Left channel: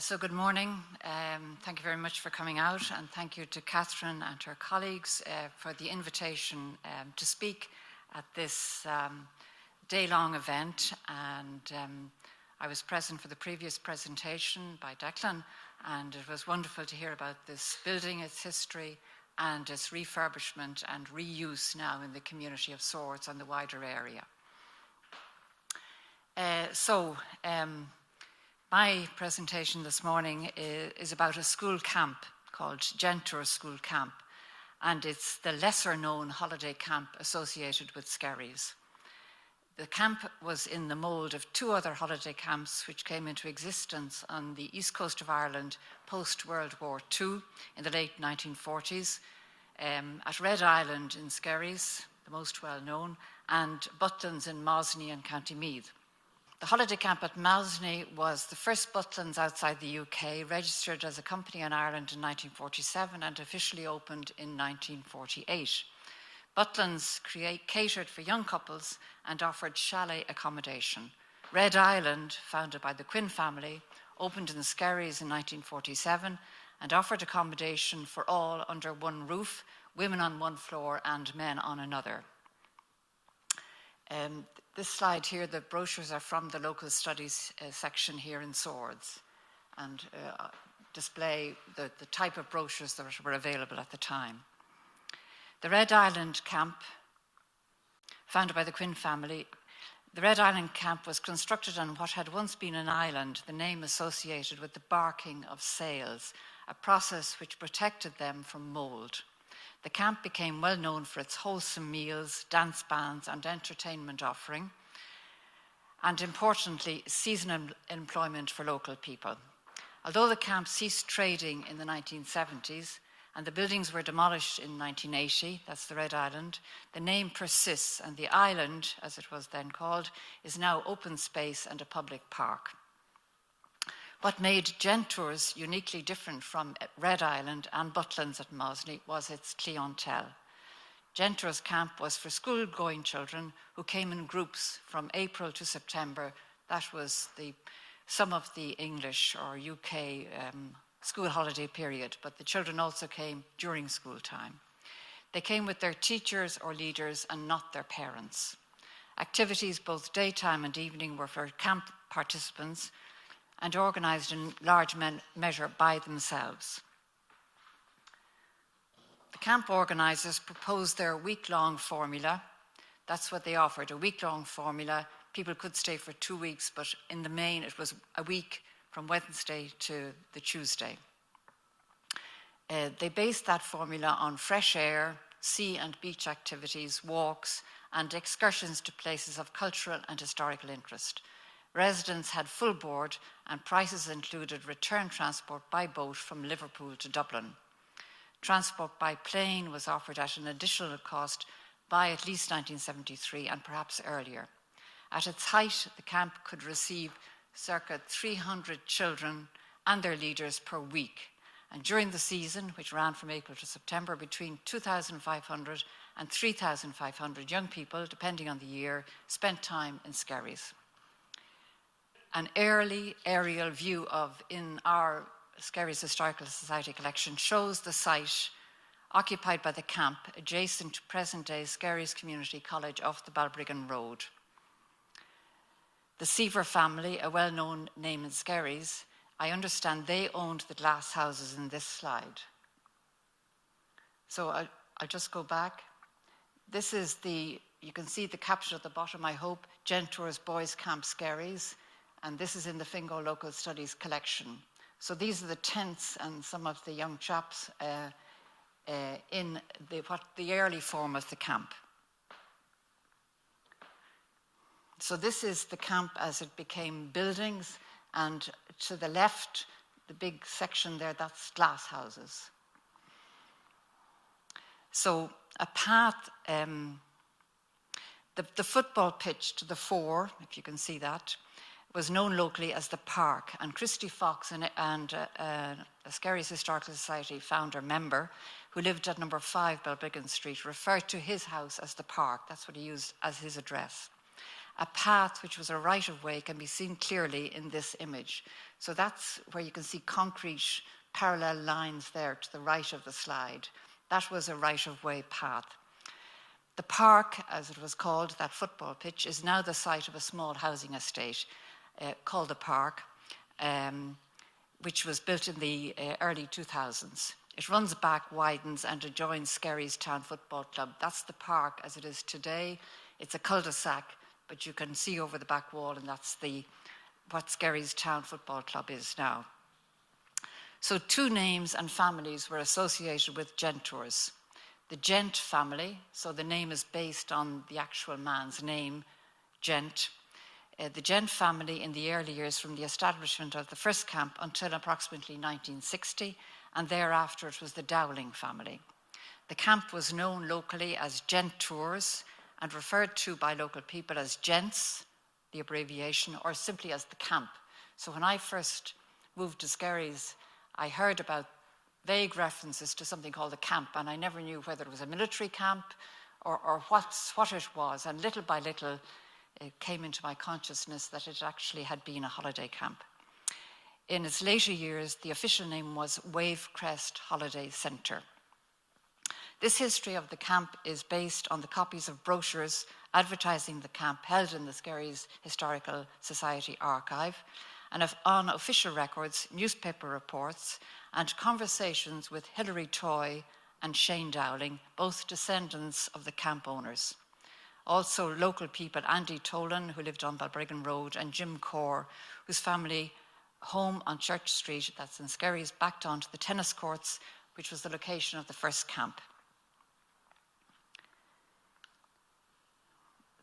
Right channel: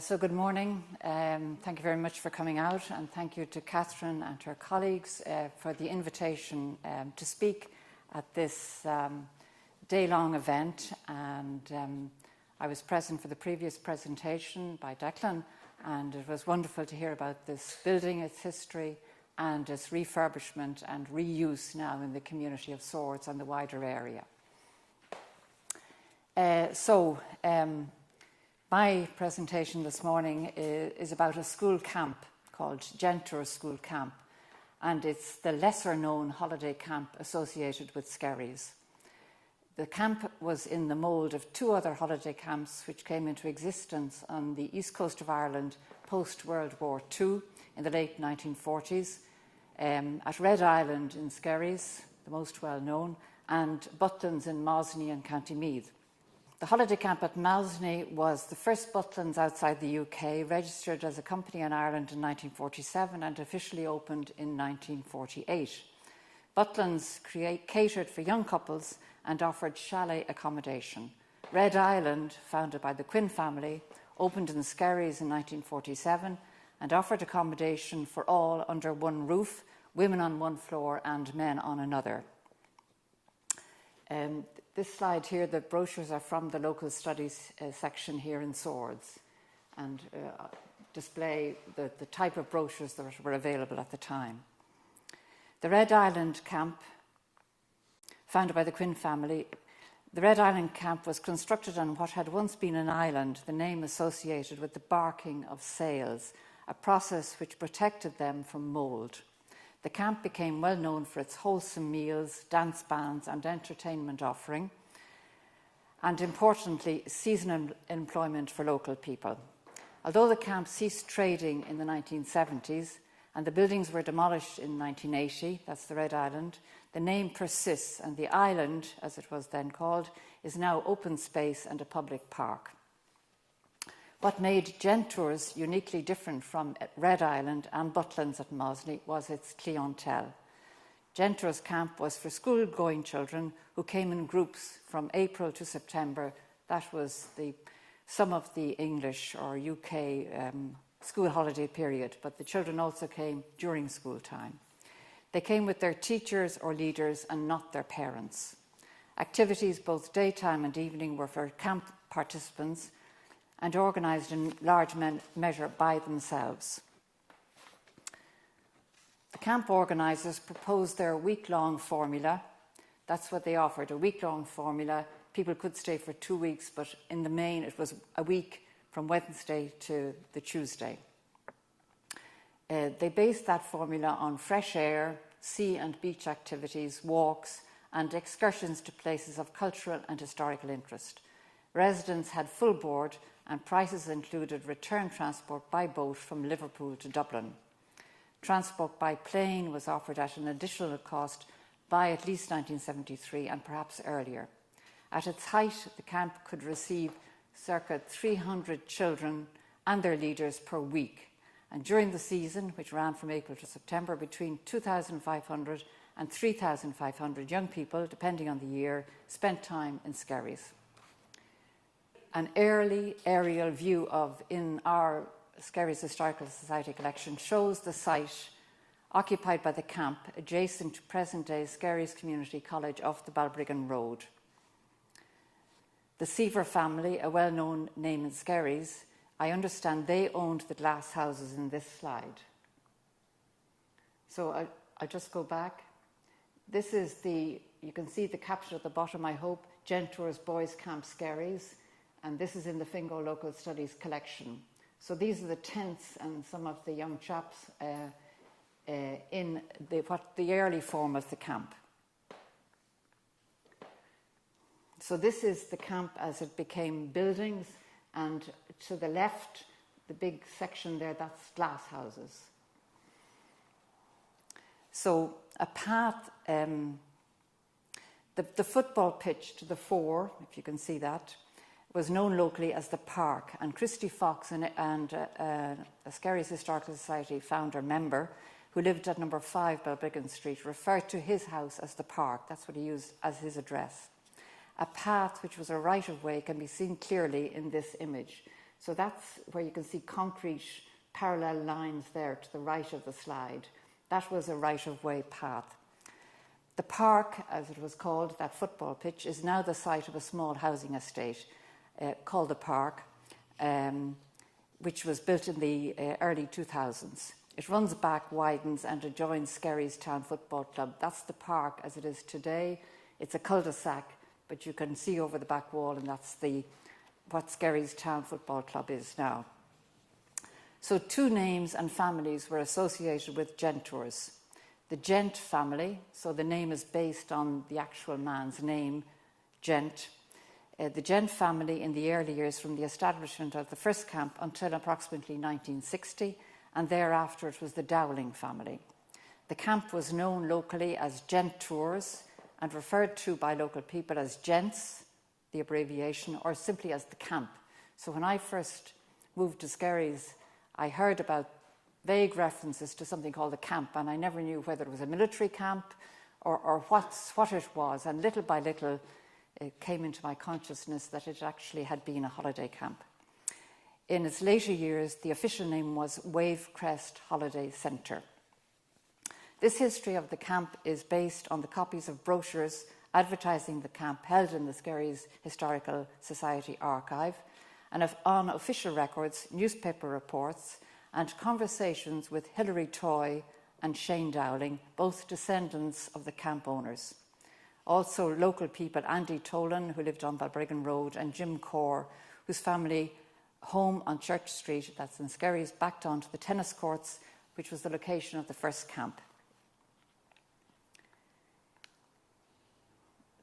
So good morning. Thank you very much for coming out, and thank you to Catherine and her colleagues for the invitation to speak at this day-long event. And I was present for the previous presentation by Declan, and it was wonderful to hear about this building, its history, and its refurbishment and reuse now in the community of Swords and the wider area. My presentation this morning is about a school camp called Gentours School Camp, and it's the lesser-known holiday camp associated with Skerries. The camp was in the mould of two other holiday camps which came into existence on the east coast of Ireland post-World War II in the late 1940s, at Red Island in Skerries, the most well-known, and Butlins in Mosney and County Meath. The holiday camp at Mosney was the first Butlins outside the UK, registered as a company in Ireland in 1947 and officially opened in 1948. Butlins catered for young couples and offered chalet accommodation. Red Island, founded by the Quinn family, opened in Skerries in 1947 and offered accommodation for all under one roof, women on one floor and men on another. This slide here, the brochures are from the local studies section here in Swords, and display the type of brochures that were available at the time. The Red Island camp, founded by the Quinn family, the Red Island camp was constructed on what had once been an island, the name associated with the barking of sails, a process which protected them from mould. The camp became well known for its wholesome meals, dance bands and entertainment offering, and importantly, seasonal employment for local people. Although the camp ceased trading in the 1970s and the buildings were demolished in 1980, that's the Red Island, the name persists, and the island, as it was then called, is now open space and a public park. What made Gentours uniquely different from Red Island and Butlins at Mosney was its clientele. Gentours camp was for school-going children who came in groups from April to September. That was some of the English or UK school holiday period, but the children also came during school time. They came with their teachers or leaders and not their parents. Activities both daytime and evening were for camp participants and organised in large measure by themselves. The camp organisers proposed their week-long formula. That's what they offered, a week-long formula. People could stay for 2 weeks, but in the main it was a week from Wednesday to the Tuesday. They based that formula on fresh air, sea and beach activities, walks, and excursions to places of cultural and historical interest. Residents had full board and prices included return transport by boat from Liverpool to Dublin. Transport by plane was offered at an additional cost by at least 1973 and perhaps earlier. At its height, the camp could receive circa 300 children and their leaders per week. And during the season, which ran from April to September, between 2,500 and 3,500 young people, depending on the year, spent time in Skerries. An early aerial view in our Skerries Historical Society collection shows the site occupied by the camp adjacent to present-day Skerries Community College off the Balbriggan Road. The Seaver family, a well-known name in Skerries, I understand they owned the glass houses in this slide. So I'll just go back. This is you can see the caption at the bottom, I hope, Gentours Boys Camp Skerries. And this is in the Fingal Local Studies collection. So these are the tents and some of the young chaps in the early form of the camp. So this is the camp as it became buildings, and to the left, the big section there, that's glass houses. So a path, the football pitch to the fore, if you can see that, was known locally as the Park, and Christy Fox and a Skerries Historical Society founder member who lived at number 5 Balbriggan Street referred to his house as the Park. That's what he used as his address. A path which was a right-of-way can be seen clearly in this image. So that's where you can see concrete parallel lines there to the right of the slide. That was a right-of-way path. The park, as it was called, that football pitch, is now the site of a small housing estate called the Park, which was built in the early 2000s. It runs back, widens, and adjoins Skerries Town Football Club. That's the park as it is today. It's a cul-de-sac, but you can see over the back wall, and that's what Skerries Town Football Club is now. So 2 names and families were associated with Gentours. The Gent family, so the name is based on the actual man's name, Gent. The Gent family in the early years from the establishment of the first camp until approximately 1960, and thereafter it was the Dowling family. The camp was known locally as Gentours and referred to by local people as Gents, the abbreviation, or simply as the camp. So when I first moved to Skerries, I heard about vague references to something called the camp, and I never knew whether it was a military camp or what it was. And little by little, it came into my consciousness that it actually had been a holiday camp. In its later years, the official name was Wavecrest Holiday Centre. This history of the camp is based on the copies of brochures advertising the camp held in the Skerries Historical Society archive, and on official records, newspaper reports, and conversations with Hilary Toy and Shane Dowling, both descendants of the camp owners. Also local people, Andy Tolan, who lived on Balbriggan Road, and Jim Corr, whose family home on Church Street, that's in Skerries, backed onto the tennis courts, which was the location of the first camp.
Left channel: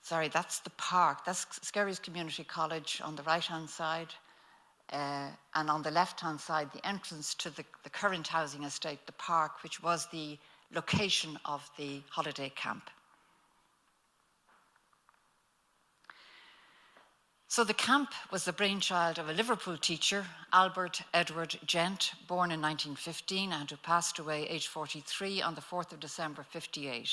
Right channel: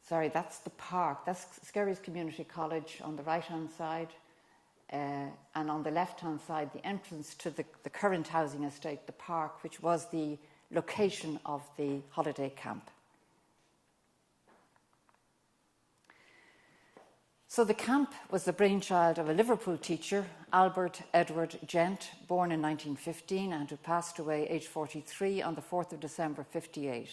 Sorry, that's the park. That's Skerries Community College on the right-hand side. And on the left-hand side, the entrance to the current housing estate, the park, which was the location of the holiday camp. So the camp was the brainchild of a Liverpool teacher, Albert Edward Gent, born in 1915 and who passed away aged 43 on the 4th of December 58.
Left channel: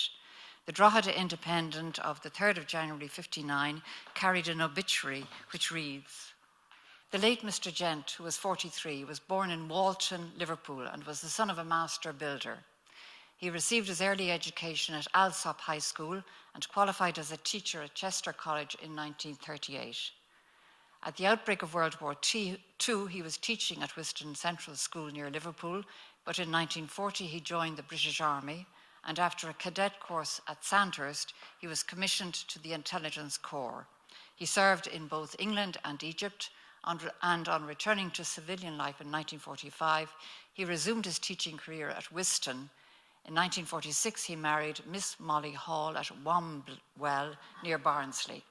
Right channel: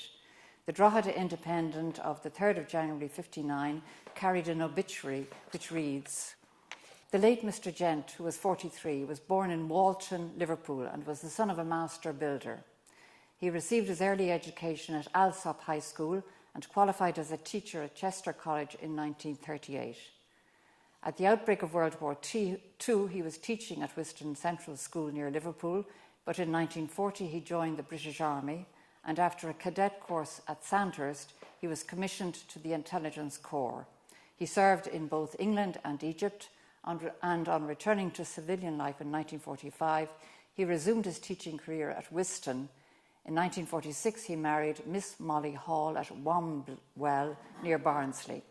The Drogheda Independent of the 3rd of January 59 carried an obituary which reads, "The late Mr. Gent, who was 43, was born in Walton, Liverpool, and was the son of a master builder. He received his early education at Alsop High School and qualified as a teacher at Chester College in 1938. At the outbreak of World War II, he was teaching at Whiston Central School near Liverpool, but in 1940 he joined the British Army, and after a cadet course at Sandhurst, he was commissioned to the Intelligence Corps. He served in both England and Egypt, and on returning to civilian life in 1945, he resumed his teaching career at Whiston. In 1946, he married Miss Molly Hall at Womwell, near Barnsley."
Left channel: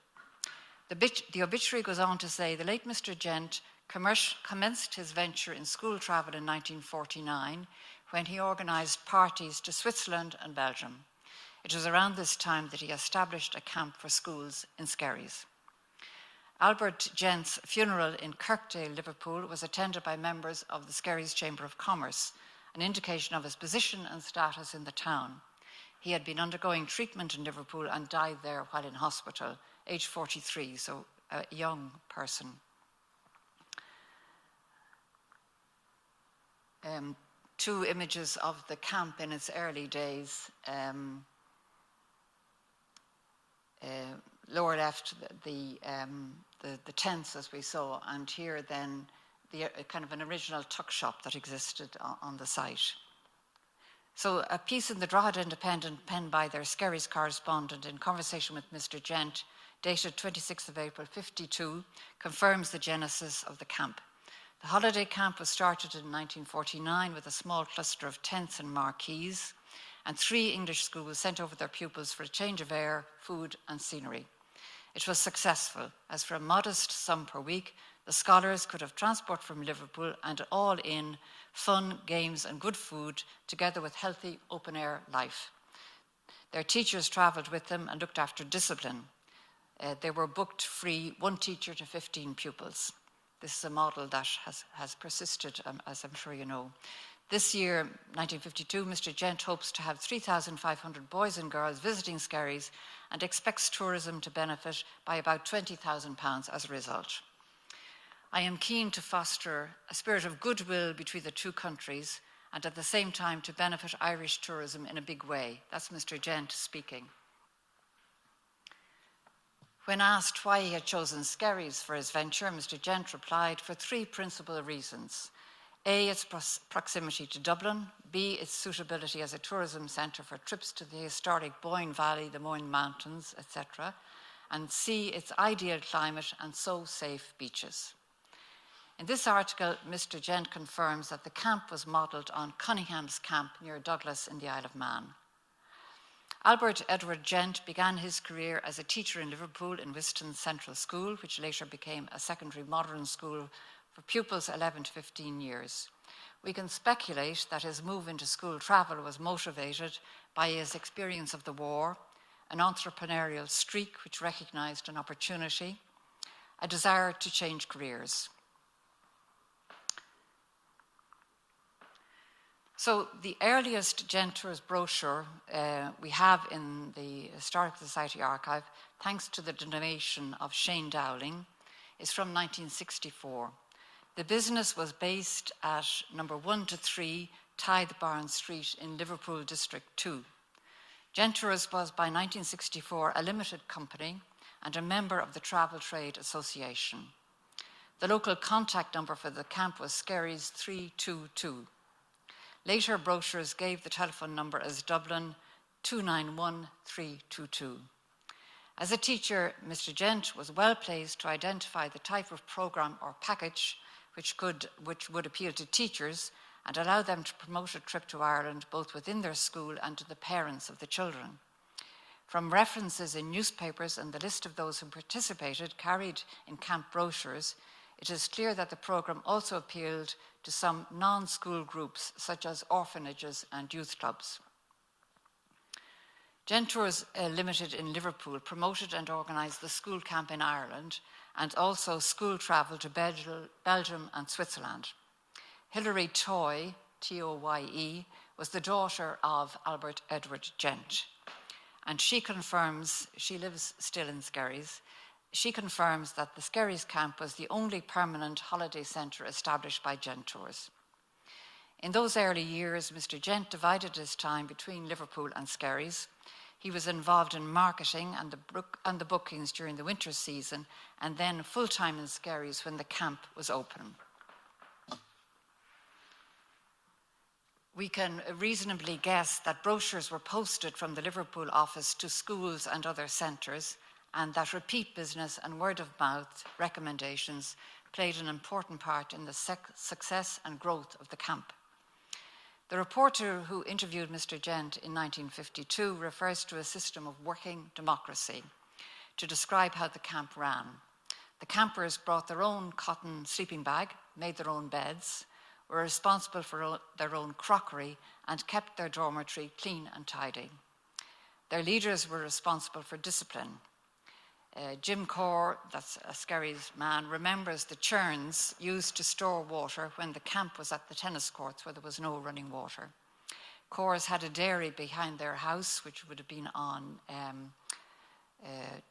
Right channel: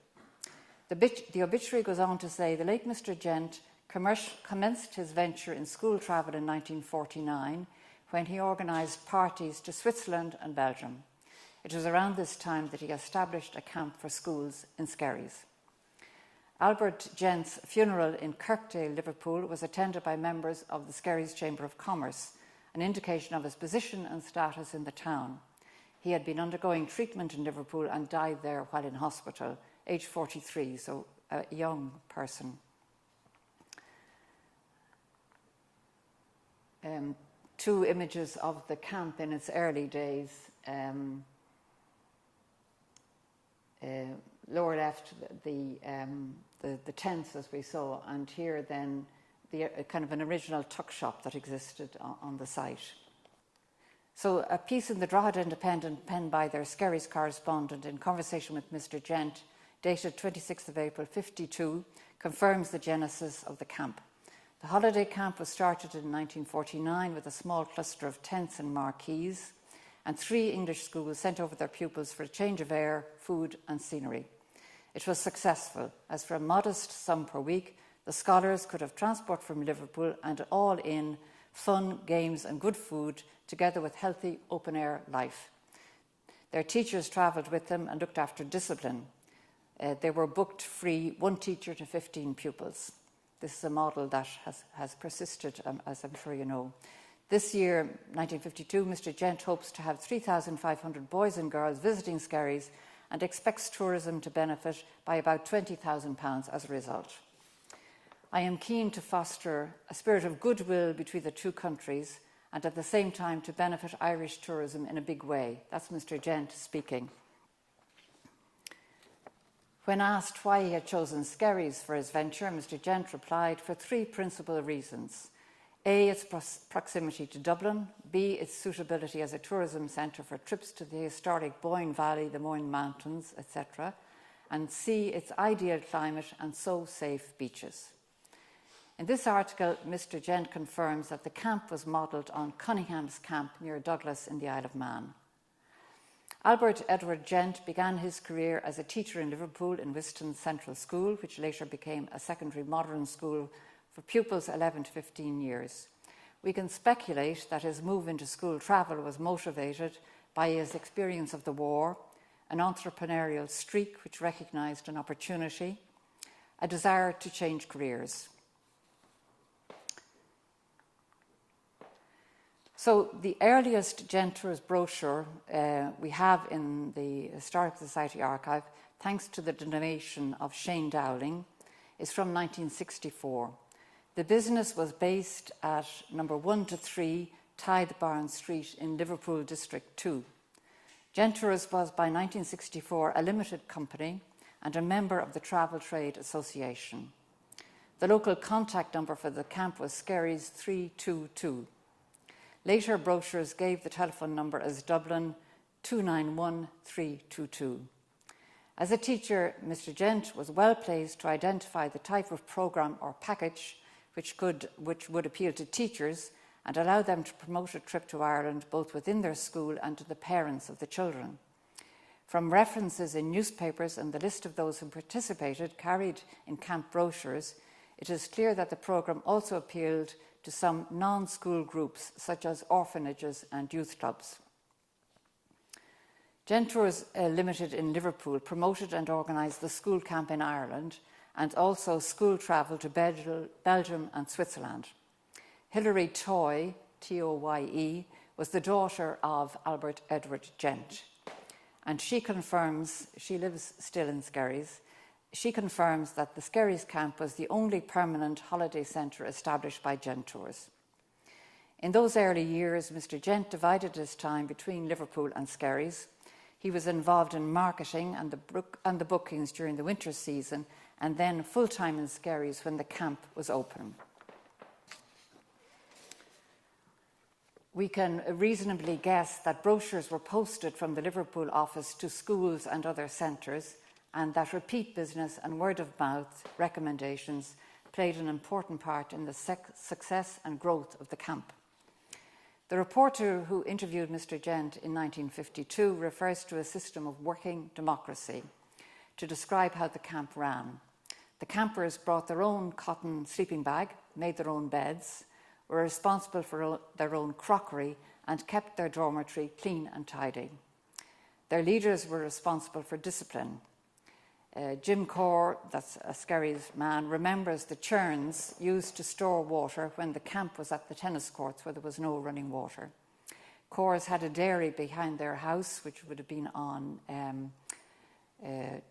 The obituary goes on to say, "The late Mr. Gent commenced his venture in school travel in 1949 when he organised parties to Switzerland and Belgium. It was around this time that he established a camp for schools in Skerries." Albert Gent's funeral in Kirkdale, Liverpool, was attended by members of the Skerries Chamber of Commerce, an indication of his position and status in the town. He had been undergoing treatment in Liverpool and died there while in hospital, aged 43, so a young person. Two images of the camp in its early days. Lower left, the tents as we saw, and here then the kind of an original tuck shop that existed on the site. So a piece in the Drogheda Independent penned by their Skerries correspondent in conversation with Mr. Gent, dated 26th of April 52, confirms the genesis of the camp. The holiday camp was started in 1949 with a small cluster of tents and marquees, and 3 English schools sent over their pupils for a change of air, food and scenery. It was successful, as for a modest sum per week, the scholars could have transport from Liverpool and all in fun, games and good food, together with healthy open-air life. Their teachers travelled with them and looked after discipline. They were booked free, 1 teacher to 15 pupils. This is a model that has persisted, as I'm sure you know. This year, 1952, Mr. Gent hopes to have 3,500 boys and girls visiting Skerries and expects tourism to benefit by about £20,000 as a result. I am keen to foster a spirit of goodwill between the two countries and at the same time to benefit Irish tourism in a big way. That's Mr. Gent speaking. When asked why he had chosen Skerries for his venture, Mr. Gent replied, for three principal reasons. A, its proximity to Dublin. B, its suitability as a tourism centre for trips to the historic Boyne Valley, the Moyne Mountains, etc. And C, its ideal climate and so safe beaches. In this article, Mr. Gent confirms that the camp was modelled on Cunningham's camp near Douglas in the Isle of Man. Albert Edward Gent began his career as a teacher in Liverpool in Wiston Central School, which later became a secondary modern school for pupils 11 to 15 years. We can speculate that his move into school travel was motivated by his experience of the war, an entrepreneurial streak which recognised an opportunity, a desire to change careers. So the earliest Gentours brochure we have in the Historical Society archive, thanks to the donation of Shane Dowling, is from 1964. The business was based at number 1 to 3 Tithe Barn Street in Liverpool District 2. Gentours was by 1964 a limited company and a member of the Travel Trade Association. The local contact number for the camp was Skerries 322. Later brochures gave the telephone number as Dublin 291322. As a teacher, Mr. Gent was well placed to identify the type of programme or package which would appeal to teachers and allow them to promote a trip to Ireland both within their school and to the parents of the children. From references in newspapers and the list of those who participated carried in camp brochures, it is clear that the programme also appealed to some non-school groups such as orphanages and youth clubs. Gentours Limited in Liverpool promoted and organised the school camp in Ireland and also school travel to Belgium and Switzerland. Hilary Toye, T-O-Y-E, was the daughter of Albert Edward Gent, and she lives still in Skerries. She confirms that the Skerries camp was the only permanent holiday centre established by Gentours. In those early years, Mr. Gent divided his time between Liverpool and Skerries. He was involved in marketing and the bookings during the winter season, and then full-time in Skerries when the camp was open. We can reasonably guess that brochures were posted from the Liverpool office to schools and other centres, and that repeat business and word-of-mouth recommendations played an important part in the success and growth of the camp. The reporter who interviewed Mr. Gent in 1952 refers to a system of working democracy to describe how the camp ran. The campers brought their own cotton sleeping bag, made their own beds, were responsible for their own crockery, and kept their dormitory clean and tidy. Their leaders were responsible for discipline. Jim Corr, that's a Skerries man, remembers the churns used to store water when the camp was at the tennis courts where there was no running water. Corrs had a dairy behind their house, which would have been on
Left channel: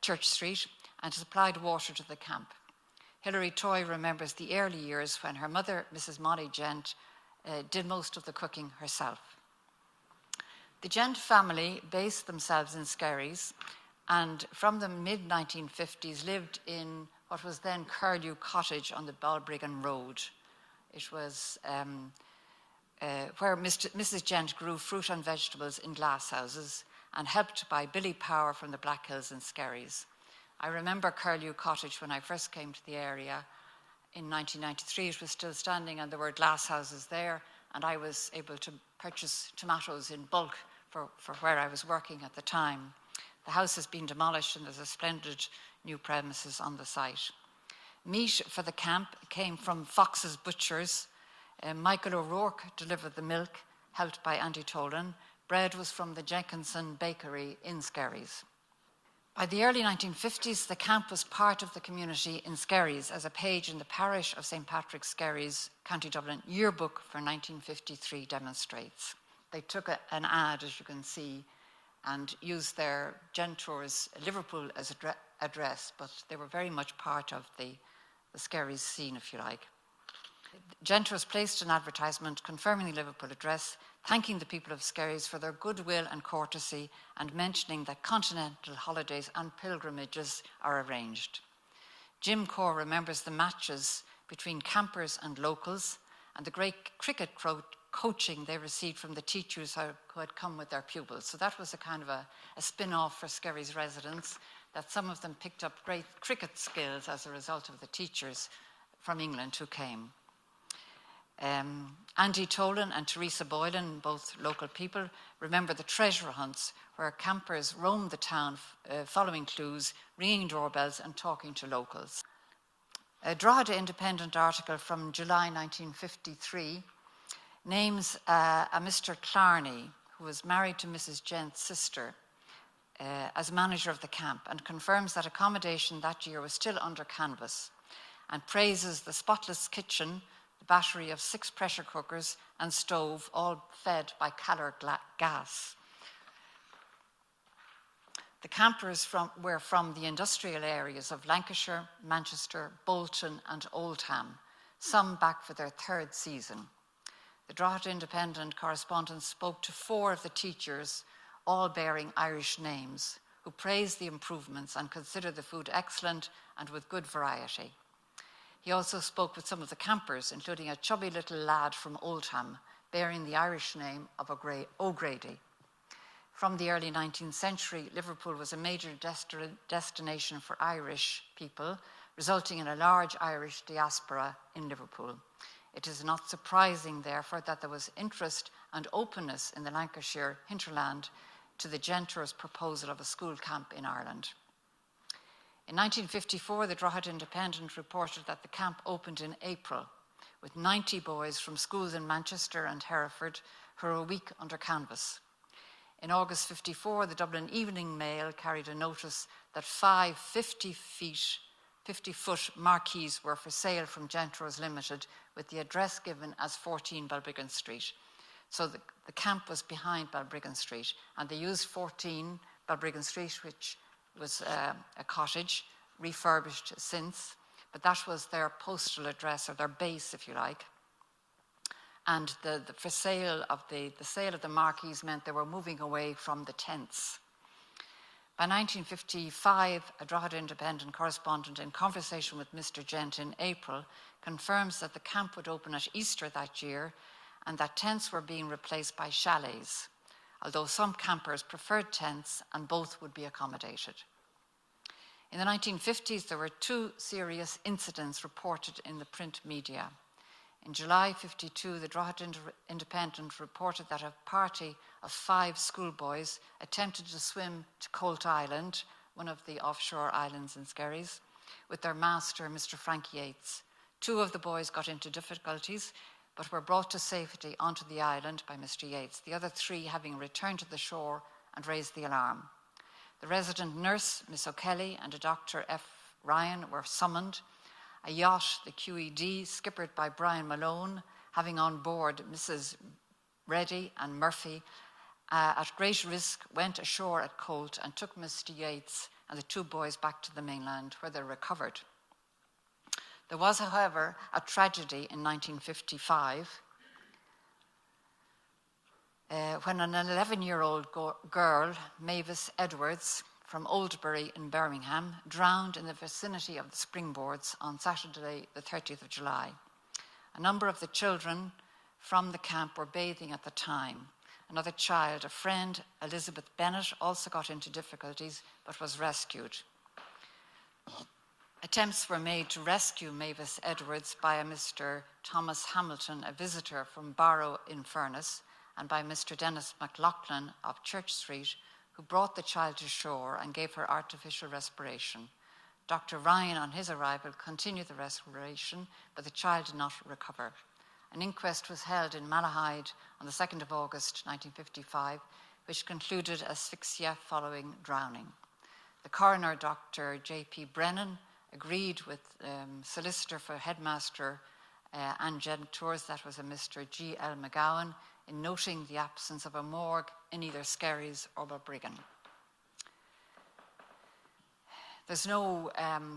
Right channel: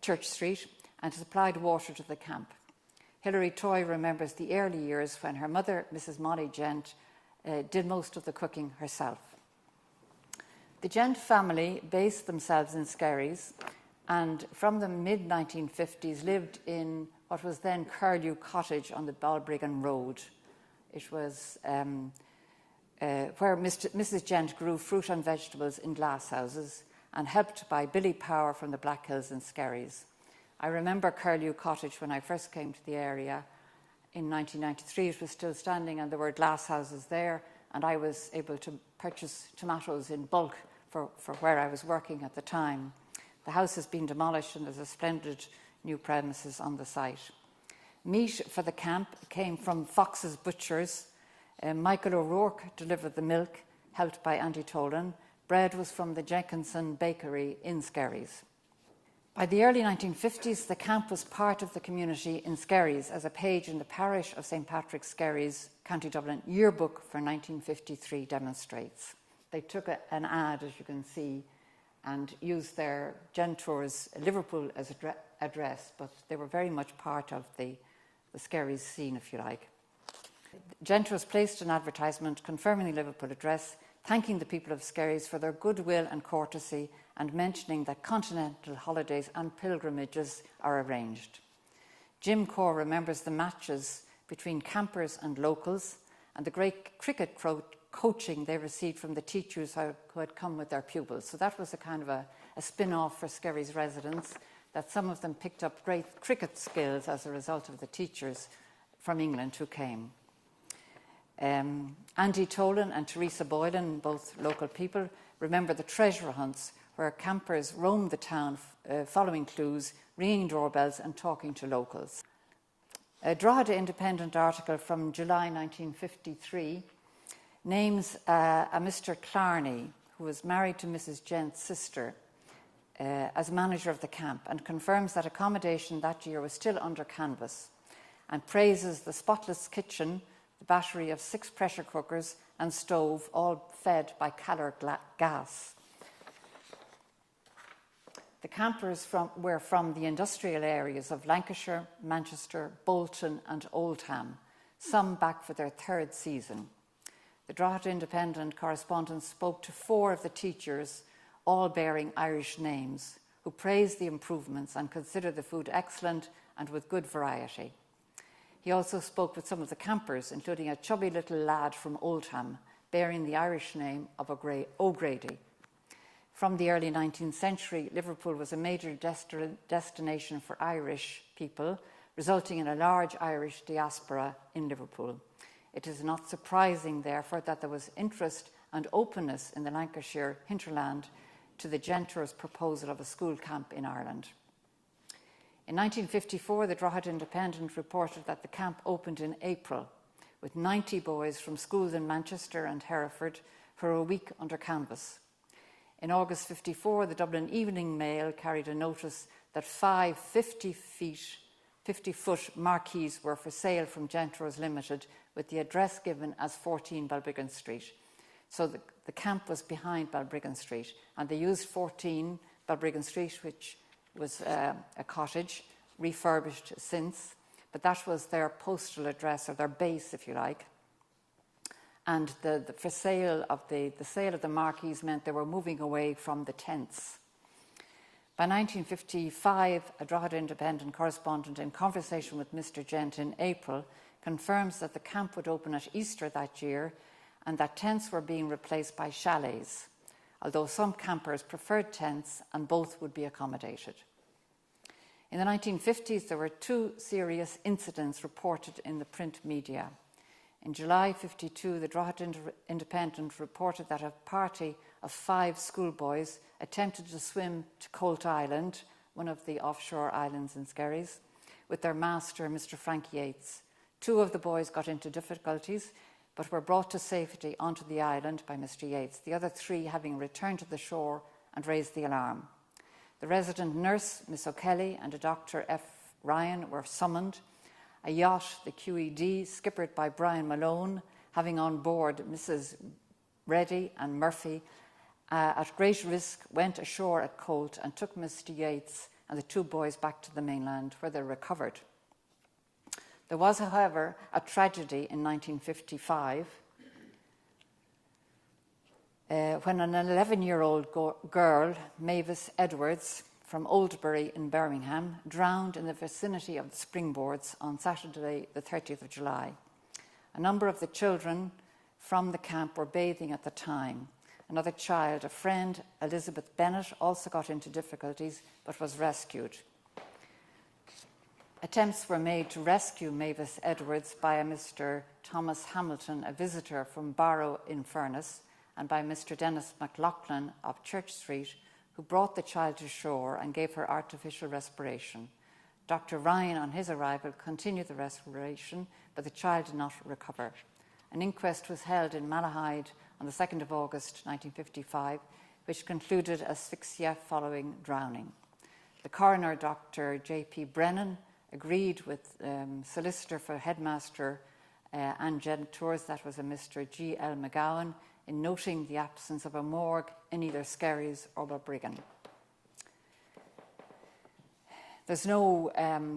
Church Street, and supplied water to the camp. Hilary Toye remembers the early years when her mother, Mrs. Molly Gent, did most of the cooking herself. The Gent family based themselves in Skerries, and from the mid-1950s lived in what was then Curlew Cottage on the Balbriggan Road. It was where Mrs. Gent grew fruit and vegetables in glasshouses and helped by Billy Power from the Black Hills in Skerries. I remember Curlew Cottage when I first came to the area in 1993. It was still standing and there were glasshouses there, and I was able to purchase tomatoes in bulk for where I was working at the time. The house has been demolished and there's a splendid new premises on the site. Meat for the camp came from Fox's Butchers. Michael O'Rourke delivered the milk, helped by Andy Tolan. Bread was from the Jenkinson Bakery in Skerries. By the early 1950s, the camp was part of the community in Skerries, as a page in the parish of St. Patrick's, Skerries, County Dublin yearbook for 1953 demonstrates. They took an ad, as you can see, and used their Gentours Liverpool as address, but they were very much part of the the Skerries scene, if you like. Gentours placed an advertisement confirming the Liverpool address, thanking the people of Skerries for their goodwill and courtesy, and mentioning that continental holidays and pilgrimages are arranged. Jim Corr remembers the matches between campers and locals and the great cricket coaching they received from the teachers who had come with their pupils. So that was a kind of a spin-off for Skerries residents, that some of them picked up great cricket skills as a result of the teachers from England who came. Andy Tolan and Teresa Boylan, both local people, remember the treasure hunts where campers roamed the town following clues, ringing doorbells and talking to locals. A Drogheda Independent article from July 1953 names a Mr. Clarney, who was married to Mrs. Gent's sister, as manager of the camp, and confirms that accommodation that year was still under canvas, and praises the spotless kitchen, the battery of 6 pressure cookers and stove, all fed by Calor gas. The campers were from the industrial areas of Lancashire, Manchester, Bolton and Oldham, some back for their 3rd season. The Drogheda Independent correspondent spoke to 4 of the teachers, all bearing Irish names, who praised the improvements and considered the food excellent and with good variety. He also spoke with some of the campers, including a chubby little lad from Oldham, bearing the Irish name of O'Grady. From the early 19th century, Liverpool was a major destination for Irish people, resulting in a large Irish diaspora in Liverpool. It is not surprising, therefore, that there was interest and openness in the Lancashire hinterland to the Gentours' proposal of a school camp in Ireland. In 1954, the Drogheda Independent reported that the camp opened in April, with 90 boys from schools in Manchester and Hereford for a week under canvas. In August 54, the Dublin Evening Mail carried a notice that 5 50-foot marquees were for sale from Gentours Limited, with the address given as 14 Balbriggan Street. So the camp was behind Balbriggan Street, and they used 14 Balbriggan Street, which was a cottage, refurbished since, but that was their postal address, or their base, if you like. And the sale of the marquees meant they were moving away from the tents. By 1955, a Drogheda Independent correspondent, in conversation with Mr. Gent in April, confirms that the camp would open at Easter that year and that tents were being replaced by chalets, although some campers preferred tents and both would be accommodated. In the 1950s, there were 2 serious incidents reported in the print media. In July 52, the Drogheda Independent reported that a party of 5 schoolboys attempted to swim to Colt Island, one of the offshore islands in Skerries, with their master, Mr. Frank Yates. 2 of the boys got into difficulties, but were brought to safety onto the island by Mr. Yates, the other 3 having returned to the shore and raised the alarm. The resident nurse, Miss O'Kelly, and a Dr. F. Ryan were summoned. A yacht, the QED, skippered by Brian Malone, having on board Mrs. Reddy and Murphy, at great risk, went ashore at Colt and took Mr. Yates and the 2 boys back to the mainland, where they recovered. There was, however, a tragedy in 1955 when an 11-year-old girl, Mavis Edwards, from Oldbury in Birmingham, drowned in the vicinity of the springboards on Saturday, the 30th of July. A number of the children from the camp were bathing at the time. Another child, a friend, Elizabeth Bennett, also got into difficulties but was rescued. Attempts were made to rescue Mavis Edwards by a Mr. Thomas Hamilton, a visitor from Barrow in Furness, and by Mr. Dennis McLaughlin of Church Street, who brought the child to shore and gave her artificial respiration. Dr. Ryan, on his arrival, continued the respiration, but the child did not recover. An inquest was held in Malahide on the 2nd of August 1955, which concluded asphyxia following drowning. The coroner, Dr. J.P. Brennan, agreed with solicitor for headmaster and Gentours, that was a Mr. G.L. McGowan, in noting the absence of a morgue in either Skerries or Balbriggan. There's no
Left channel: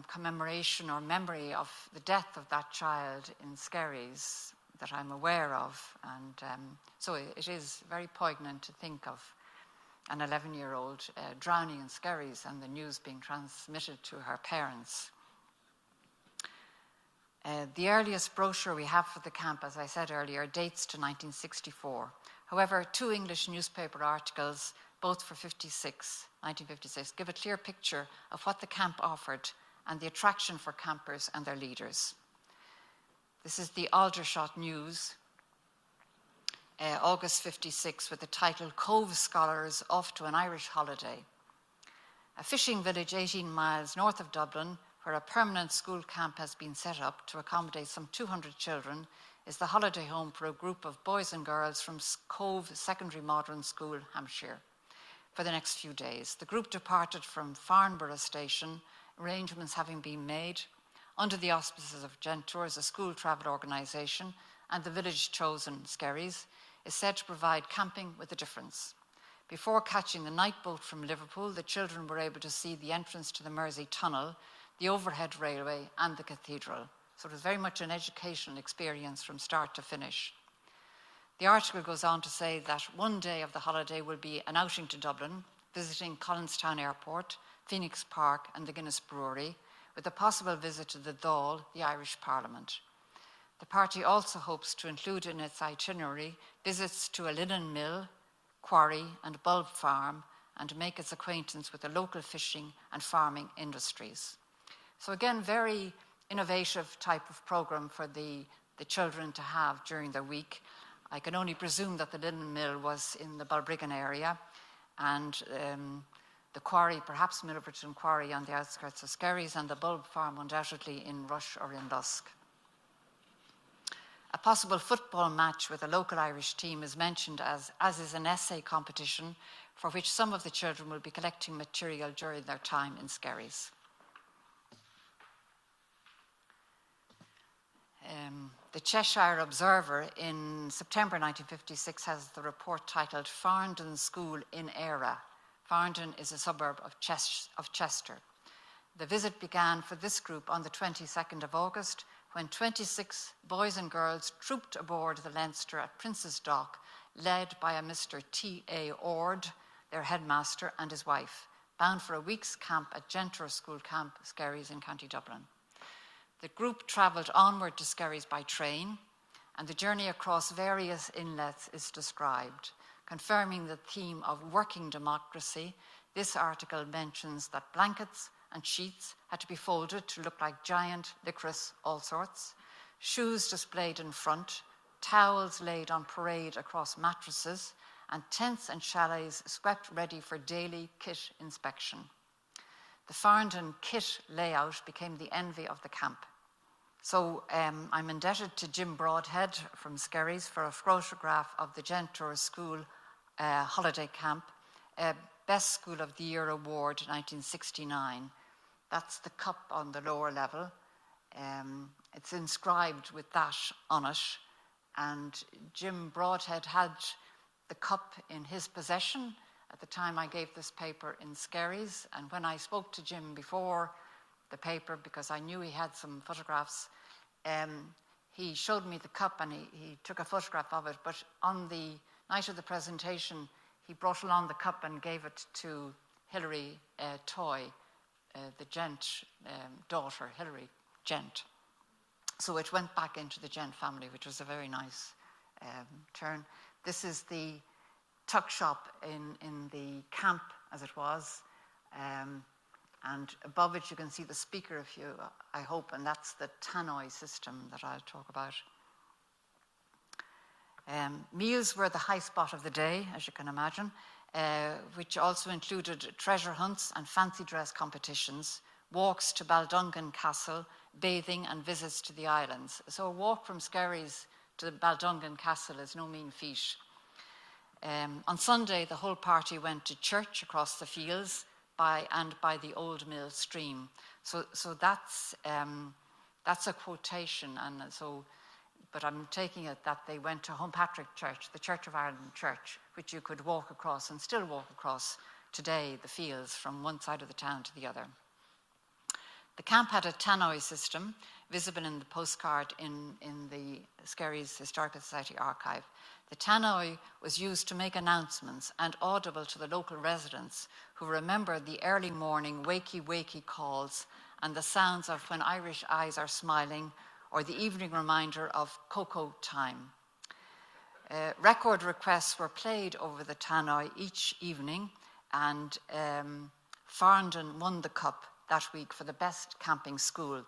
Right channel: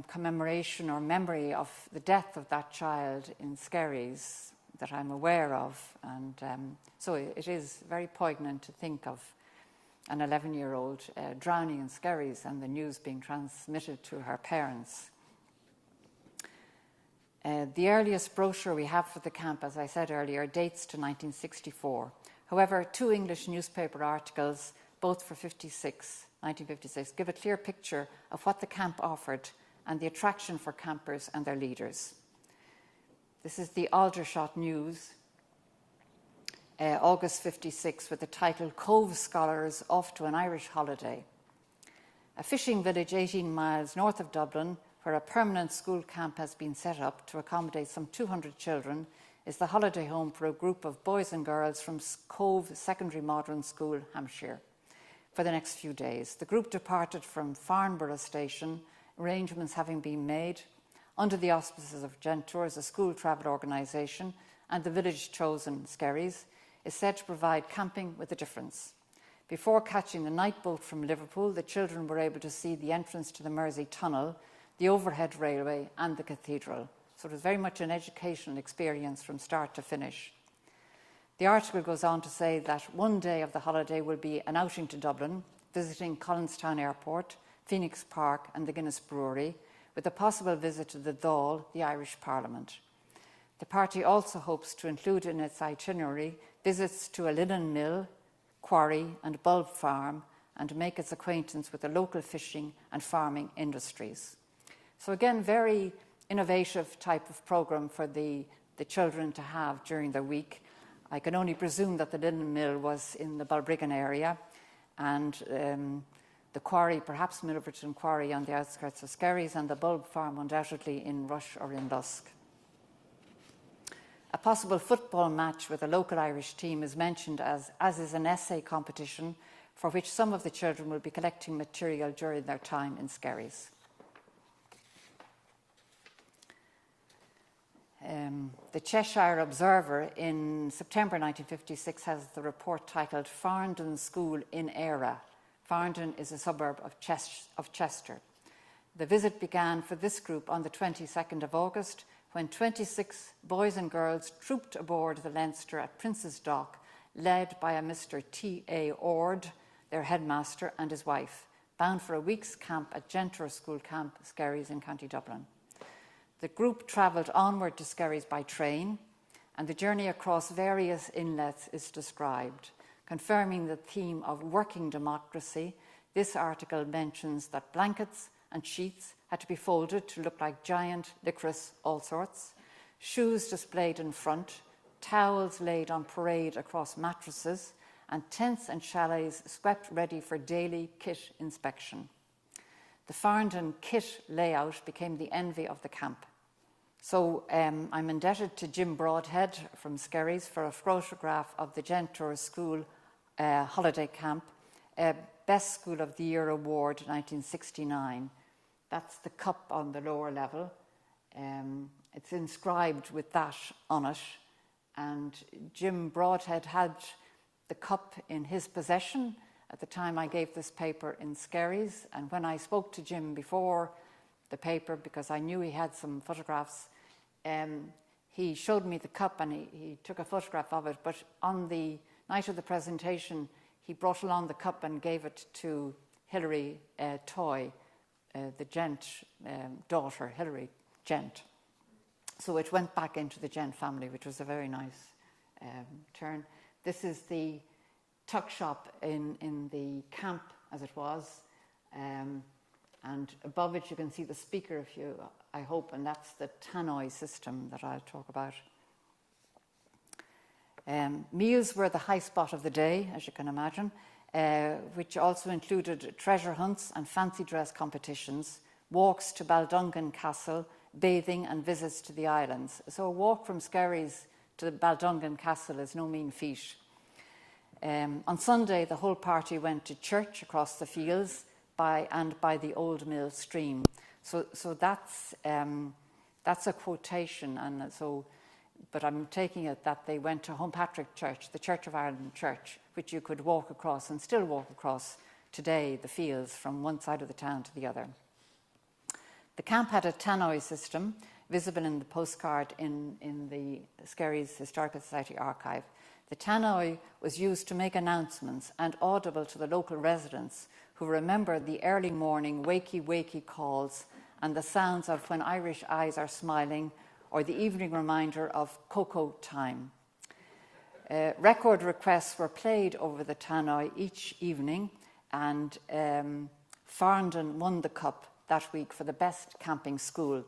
commemoration or memory of the death of that child in Skerries that I'm aware of, and so it is very poignant to think of an 11-year-old drowning in Skerries and the news being transmitted to her parents. The earliest brochure we have for the camp, as I said earlier, dates to 1964. However, 2 English newspaper articles, both for 1956, give a clear picture of what the camp offered and the attraction for campers and their leaders. This is the Aldershot News, August 56, with the title, Cove Scholars Off to an Irish Holiday. A fishing village 18 miles north of Dublin, where a permanent school camp has been set up to accommodate some 200 children, is the holiday home for a group of boys and girls from Cove Secondary Modern School, Hampshire. For the next few days, the group departed from Farnborough Station, arrangements having been made, under the auspices of Gentours, a school travel organisation, and the village chosen, Skerries, is said to provide camping with a difference. Before catching the night boat from Liverpool, the children were able to see the entrance to the Mersey Tunnel, the overhead railway and the cathedral. So it was very much an educational experience from start to finish. The article goes on to say that one day of the holiday will be an outing to Dublin, visiting Collinstown Airport, Phoenix Park and the Guinness Brewery, with a possible visit to the Dáil, the Irish Parliament. The party also hopes to include in its itinerary visits to a linen mill, quarry and bulb farm, and make its acquaintance with the local fishing and farming industries. So again, very innovative type of programme for the children to have during their week. I can only presume that the linen mill was in the Balbriggan area, and the quarry, perhaps Milverton Quarry on the outskirts of Skerries, and the bulb farm undoubtedly in Rush or in Lusk. A possible football match with a local Irish team is mentioned, as is an essay competition for which some of the children will be collecting material during their time in Skerries. The Cheshire Observer in September 1956 has the report titled Farndon School in Era. Farndon is a suburb of Chester. The visit began for this group on the 22nd of August, when 26 boys and girls trooped aboard the Leinster at Prince's Dock, led by a Mr. T.A. Ord, their headmaster, and his wife, bound for a week's camp at Gentours School Camp, Skerries in County Dublin. The group travelled onward to Skerries by train, and the journey across various inlets is described. Confirming the theme of working democracy, this article mentions that blankets and sheets had to be folded to look like giant licorice all sorts, shoes displayed in front, towels laid on parade across mattresses, and tents and chalets swept ready for daily kit inspection. The Farndon kit layout became the envy of the camp. So I'm indebted to Jim Broadhead from Skerries for a photograph of the Gentours School holiday camp, Best School of the Year Award 1969. That's the cup on the lower level. It's inscribed with that on it. And Jim Broadhead had the cup in his possession at the time I gave this paper in Skerries. And when I spoke to Jim before the paper, because I knew he had some photographs, he showed me the cup and he took a photograph of it. But on the night of the presentation, he brought along the cup and gave it to Hilary Toy, the Gent daughter, Hilary Gent. So it went back into the Gent family, which was a very nice turn. This is the tuck shop in the camp, as it was. And above it, you can see the speaker, I hope, and that's the tannoy system that I'll talk about. Meals were the high spot of the day, as you can imagine, which also included treasure hunts and fancy dress competitions, walks to Baldungan Castle, bathing and visits to the islands. So a walk from Skerries to Baldungan Castle is no mean feat. On Sunday, the whole party went to church across the fields by the Old Mill Stream. So that's a quotation, and so. But I'm taking it that they went to Homepatrick Church, the Church of Ireland Church, which you could walk across and still walk across today, the fields from one side of the town to the other. The camp had a tannoy system, visible in the postcard in the Skerries Historical Society archive. The tannoy was used to make announcements and audible to the local residents who remembered the early morning wakey calls and the sounds of when Irish eyes are smiling, or the evening reminder of cocoa time. Record requests were played over the tannoy each evening, and Farndon won the cup that week for the best camping school,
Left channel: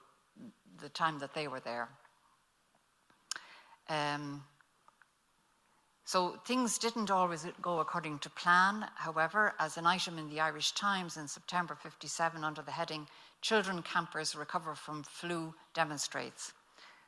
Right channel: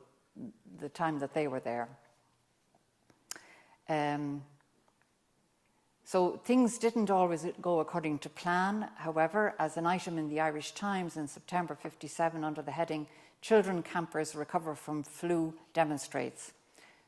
the time that they were there. So things didn't always go according to plan. However, as an item in the Irish Times in September 1957 under the heading "Children Campers Recover from Flu" demonstrates.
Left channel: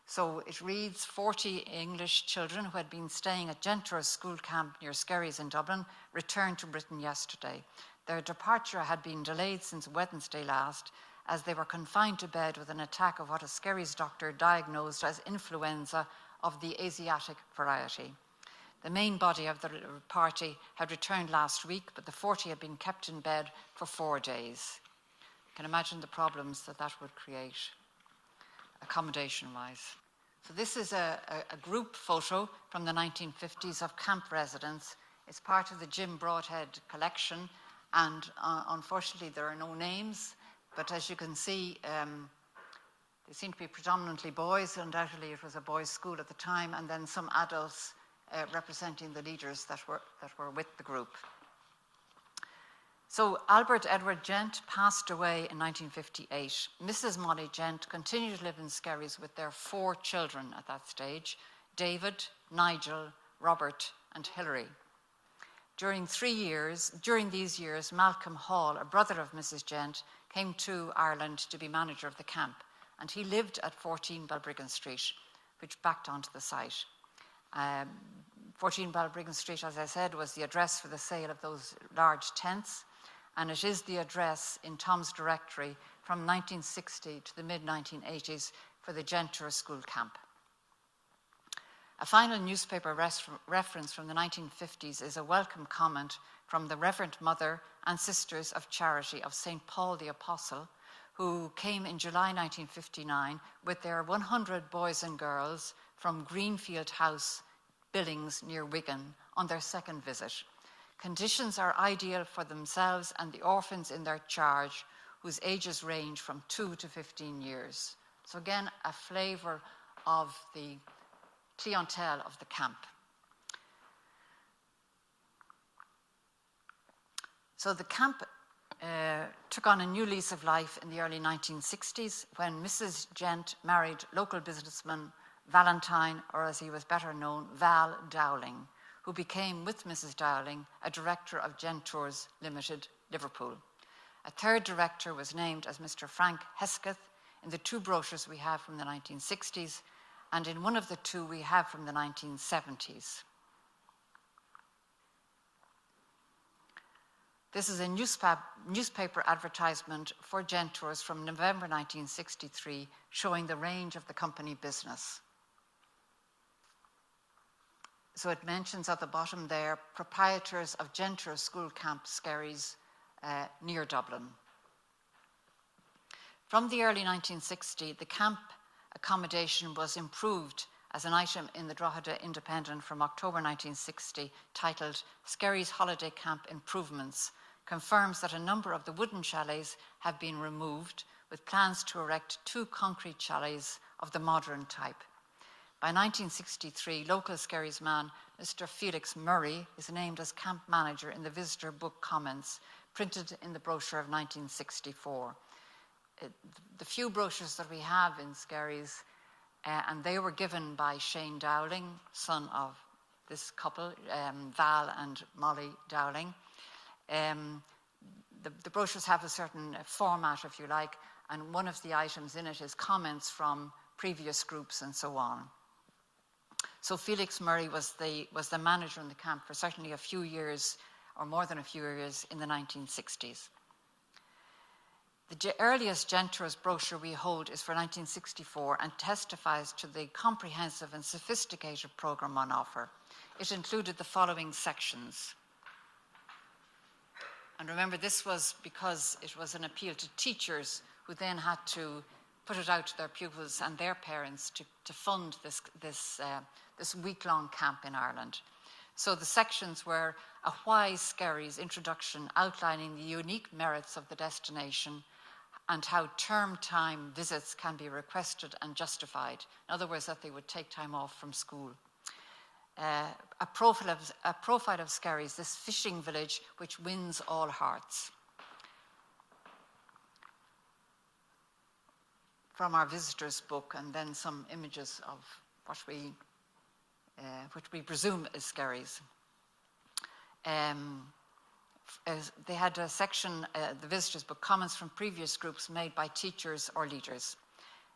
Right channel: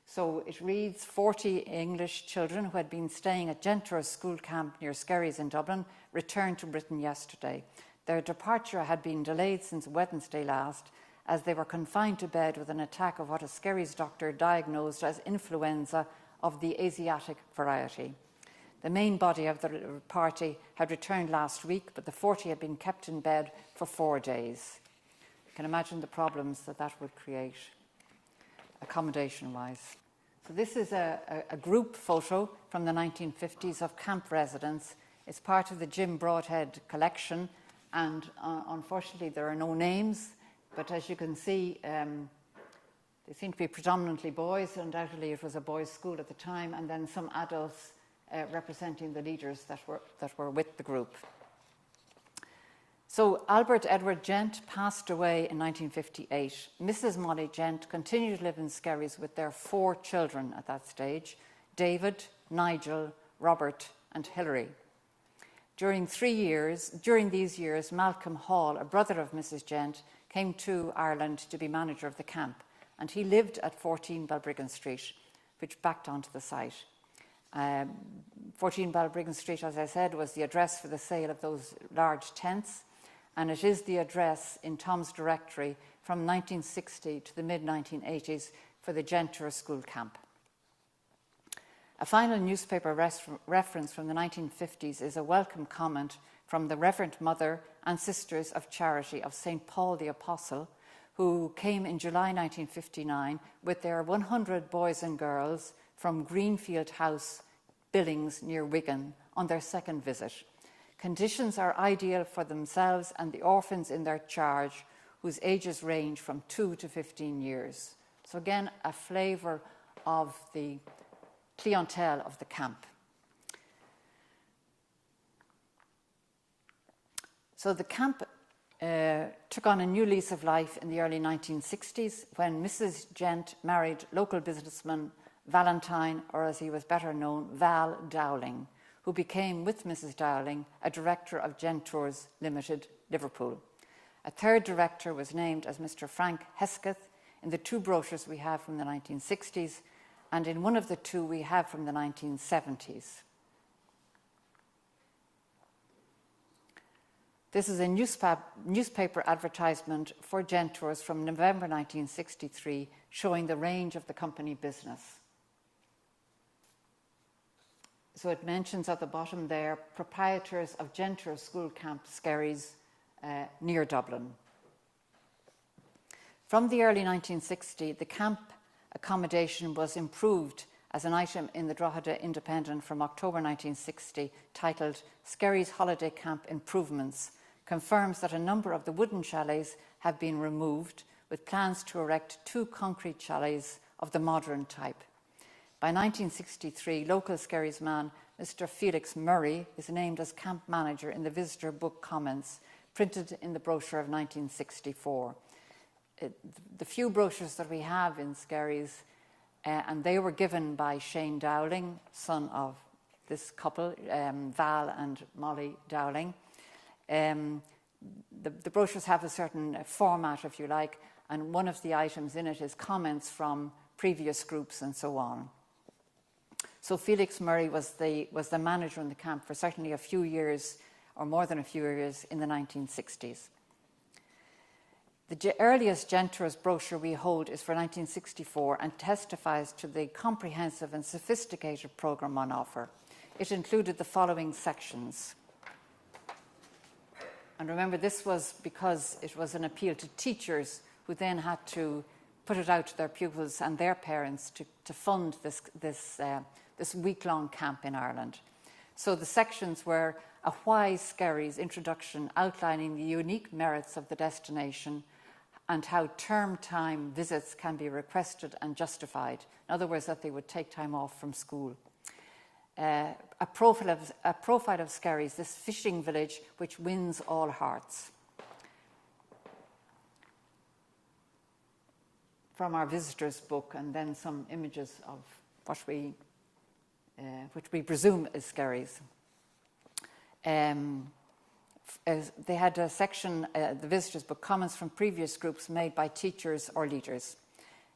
So it reads, 40 English children who had been staying at Gentours School Camp near Skerries in Dublin returned to Britain yesterday. Their departure had been delayed since Wednesday last, as they were confined to bed with an attack of what a Skerries doctor diagnosed as influenza of the Asiatic variety. The main body of the party had returned last week, but the 40 had been kept in bed for 4 days. You can imagine the problems that would create, accommodation-wise. So this is a group photo from the 1950s of camp residents. It's part of the Jim Broadhead collection, and unfortunately there are no names, but as you can see, they seem to be predominantly boys. Undoubtedly it was a boys' school at the time, and then some adults representing the leaders that were with the group. So Albert Edward Gent passed away in 1958. Mrs. Molly Gent continued to live in Skerries with their 4 children at that stage: David, Nigel, Robert and Hilary. During these years, Malcolm Hall, a brother of Mrs. Gent, came to Ireland to be manager of the camp, and he lived at 14 Balbriggan Street, which backed onto the site. 14 Balbriggan Street, as I said, was the address for the sale of those large tents, and it is the address in Tom's directory from 1960 to the mid-1980s for the Gentours School Camp. A final newspaper reference from the 1950s is a welcome comment from the Reverend Mother and Sisters of Charity of St. Paul the Apostle, who came in July 1959 with their 100 boys and girls from Greenfield House, Billings, near Wigan, on their second visit. Conditions are ideal for themselves and the orphans in their charge, whose ages range from 2 to 15 years. So again, a flavour of the clientele of the camp. So the camp took on a new lease of life in the early 1960s when Mrs. Gent married local businessman Valentine, or as he was better known, Val Dowling, who became, with Mrs. Dowling, a director of Gentours Limited, Liverpool. A third director was named as Mr. Frank Hesketh in the 2 brochures we have from the 1960s, and in one of the 2 we have from the 1970s. This is a newspaper advertisement for Gentours from November 1963, showing the range of the company business. So it mentions at the bottom there, proprietors of Gentours School Camp, Skerries, near Dublin. From the early 1960s, the camp accommodation was improved as an item in the Drogheda Independent from October 1960, titled Skerries Holiday Camp Improvements, confirms that a number of the wooden chalets have been removed, with plans to erect 2 concrete chalets of the modern type. By 1963, local Skerries man Mr. Felix Murray is named as camp manager in the visitor book comments printed in the brochure of 1964. The few brochures that we have in Skerries, and they were given by Shane Dowling, son of this couple, Val and Molly Dowling. The brochures have a certain format, if you like, and one of the items in it is comments from previous groups and so on. So Felix Murray was the manager in the camp for certainly a few years, or more than a few years, in the 1960s. The earliest Gentours brochure we hold is for 1964 and testifies to the comprehensive and sophisticated programme on offer. It included the following sections. And remember, this was because it was an appeal to teachers who then had to put it out to their pupils and their parents to fund this week-long camp in Ireland. So the sections were a wise Skerries introduction outlining the unique merits of the destination and how term time visits can be requested and justified. In other words, that they would take time off from school. A profile of Skerries, this fishing village which wins all hearts. From our visitors book, and then some images of what which we presume is Skerries. They had a section, the visitors book, comments from previous groups made by teachers or leaders.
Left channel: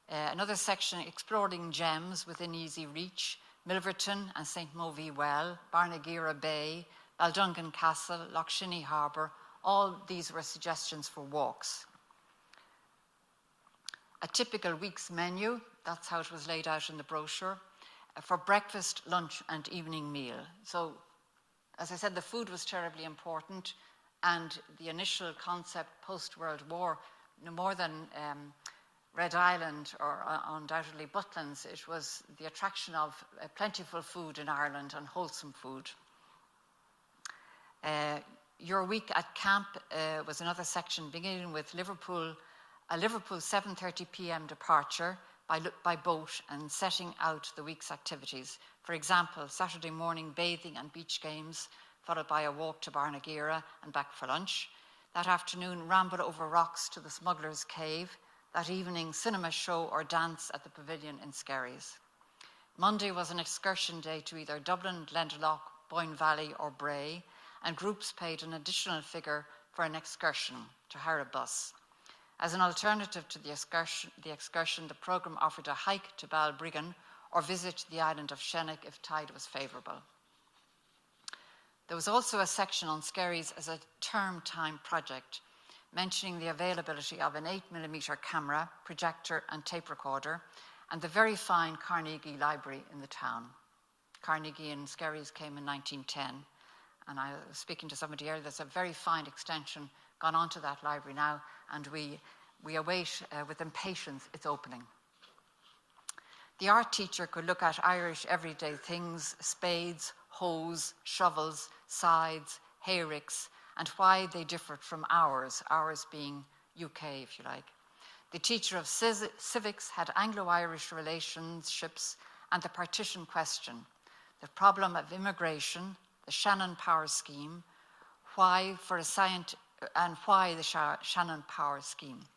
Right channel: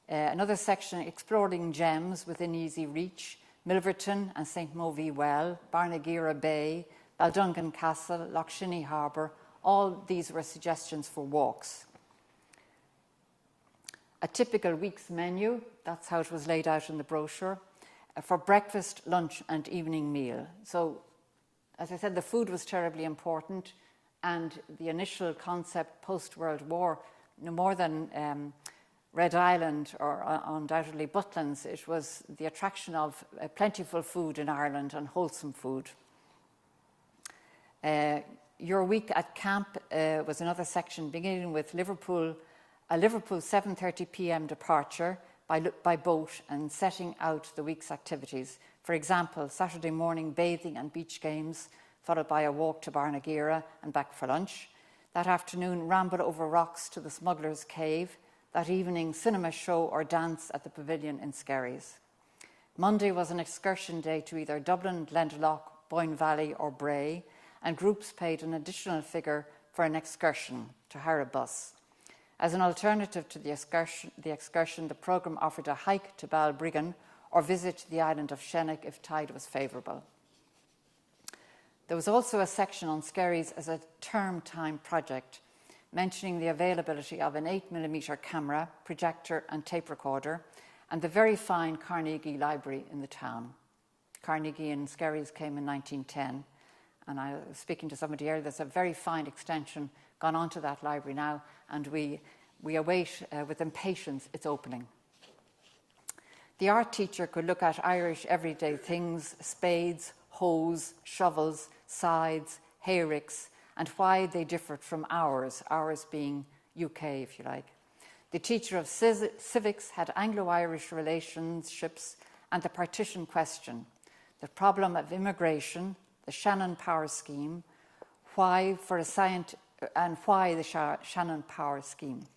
Another section, exploring gems within easy reach, Milverton and St. Movie Well, Barnagira Bay, Baldungan Castle, Lough Harbour. All these were suggestions for walks. A typical week's menu, that's how it was laid out in the brochure, for breakfast, lunch and evening meal. So, as I said, the food was terribly important, and the initial concept post-World War, no more than Red Island or undoubtedly Butlins, it was the attraction of plentiful food in Ireland and wholesome food. Your week at camp was another section beginning with a Liverpool 7:30 p.m. departure by boat and setting out the week's activities. For example, Saturday morning bathing and beach games, followed by a walk to Barnagira and back for lunch. That afternoon, ramble over rocks to the Smuggler's Cave. That evening, cinema show or dance at the Pavilion in Skerries. Monday was an excursion day to either Dublin, Glendalough, Boyne Valley or Bray, and groups paid an additional figure for an excursion to hire a bus. As an alternative to the excursion, the programme offered a hike to Balbriggan or visit the island of Shennick if tide was favourable. There was also a section on Skerries as a term time project, mentioning the availability of an 8mm camera, projector and tape recorder, and the very fine Carnegie Library in the town. Carnegie in Skerries came in 1910, and I was speaking to somebody earlier, there's a very fine extension gone on to that library now, and we await with impatience its opening. The art teacher could look at Irish everyday things, spades, hoes, shovels, scythes, hayricks, and why they differed from ours being UK, if you like. The teacher of civics had Anglo-Irish relationships and the partition question, the problem of immigration, the Shannon Power Scheme, why the Shannon Power Scheme.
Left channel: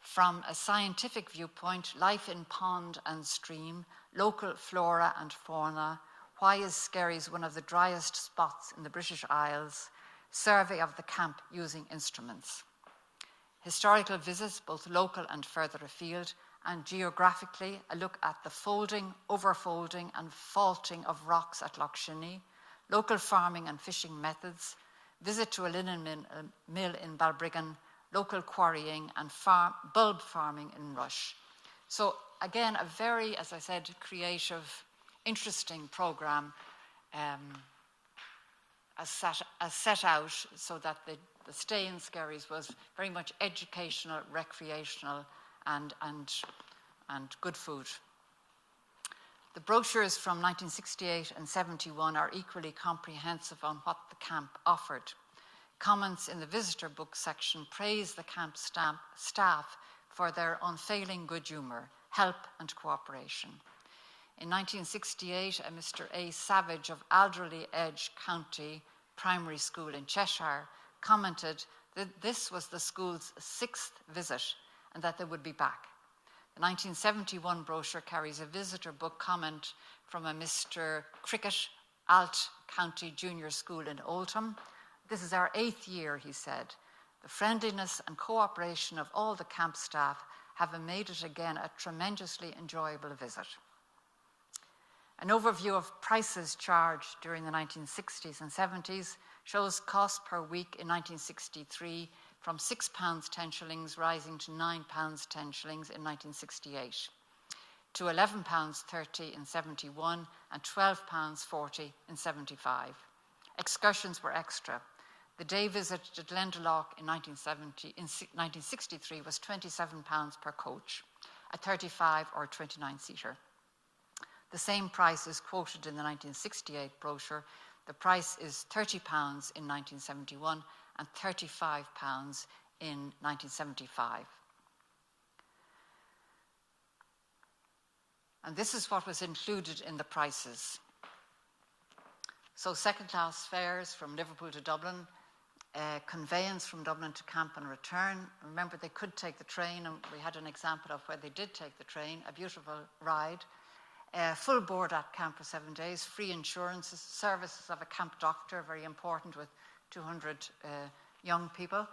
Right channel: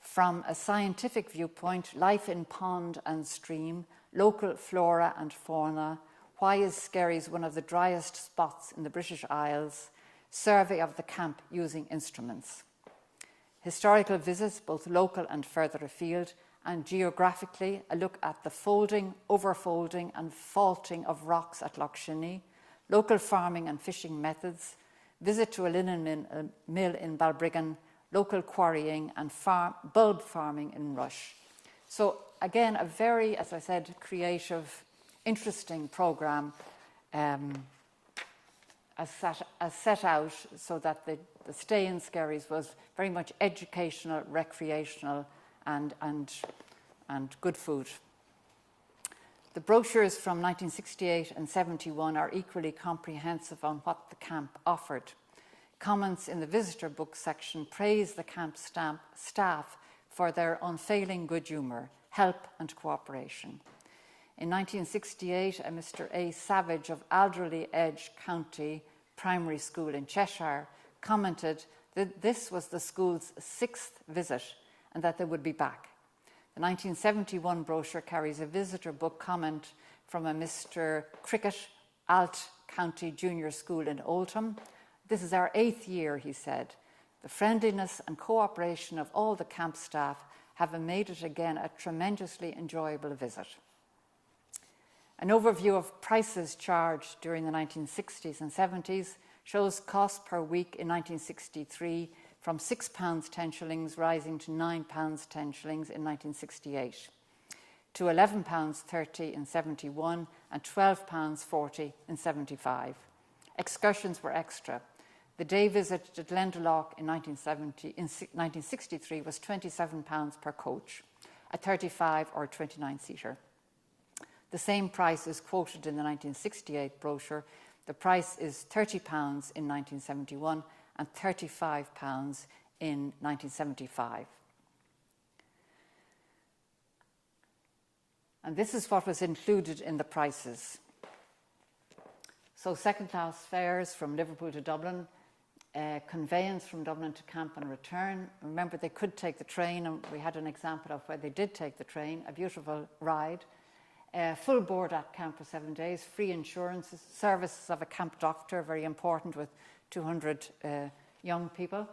From a scientific viewpoint, life in pond and stream, local flora and fauna, why is Skerries one of the driest spots in the British Isles, survey of the camp using instruments. Historical visits, both local and further afield, and geographically, a look at the folding, overfolding and faulting of rocks at Lough Shinny, local farming and fishing methods, visit to a linen mill in Balbriggan, local quarrying and bulb farming in Rush. So again, a very, as I said, creative, interesting programme as set out so that the stay in Skerries was very much educational, recreational and good food. The brochures from 1968 and 71 are equally comprehensive on what the camp offered. Comments in the visitor book section praise the camp staff for their unfailing good humour, help and cooperation. In 1968, a Mr. A. Savage of Alderley Edge County Primary School in Cheshire commented that this was the school's 6th visit and that they would be back. The 1971 brochure carries a visitor book comment from a Mr. Cricket, Alt County Junior School in Oldham. This is our 8th year, he said. The friendliness and cooperation of all the camp staff have made it again a tremendously enjoyable visit. An overview of prices charged during the 1960s and 70s shows cost per week in 1963 from £6 10 shillings rising to £9 10 shillings in 1968, to £11 30 in 71 and £12 40 in 75. Excursions were extra. The day visit to Glendalough in 1963 was £27 per coach, a 35 or 29-seater. The same price is quoted in the 1968 brochure. The price is £30 in 1971 and £35 in 1975. And this is what was included in the prices. So second-class fares from Liverpool to Dublin, conveyance from Dublin to camp and return. Remember, they could take the train, and we had an example of where they did take the train, a beautiful ride. Full board at camp for 7 days, free insurances, services of a camp doctor, very important with 200 young people,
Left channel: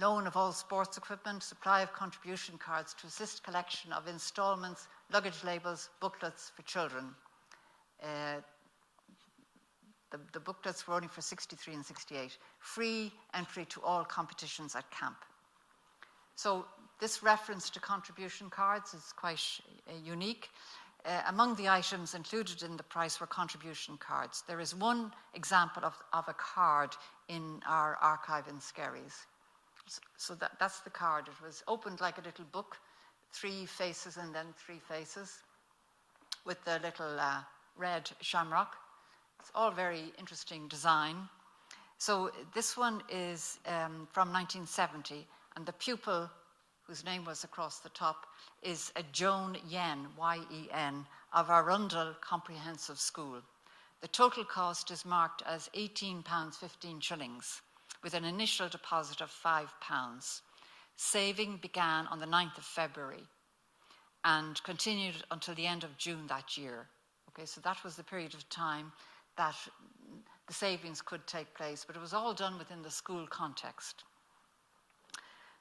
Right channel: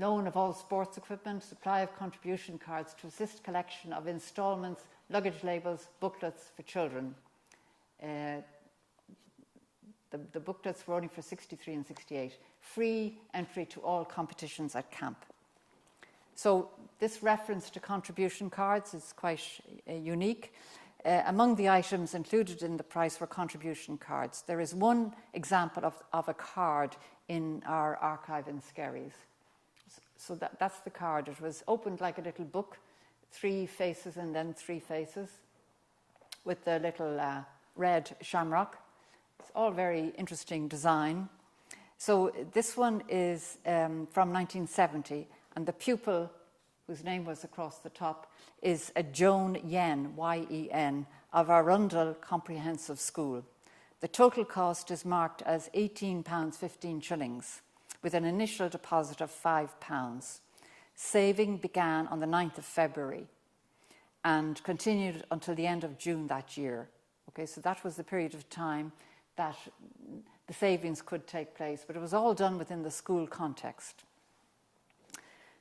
loan of all sports equipment, supply of contribution cards to assist collection of instalments, luggage labels, booklets for children. The booklets were only for 63 and 68. Free entry to all competitions at camp. So this reference to contribution cards is quite unique. Among the items included in the price were contribution cards. There is one example of a card in our archive in Skerries. So that's the card. It was opened like a little book, 3 faces and then 3 faces, with the little red shamrock. It's all very interesting design. So this one is from 1970, and the pupil, whose name was across the top, is a Joan Yen, Y-E-N, of Arundel Comprehensive School. The total cost is marked as £18.15, with an initial deposit of £5. Saving began on the 9th of February and continued until the end of June that year. Okay, so that was the period of time that the savings could take place, but it was all done within the school context.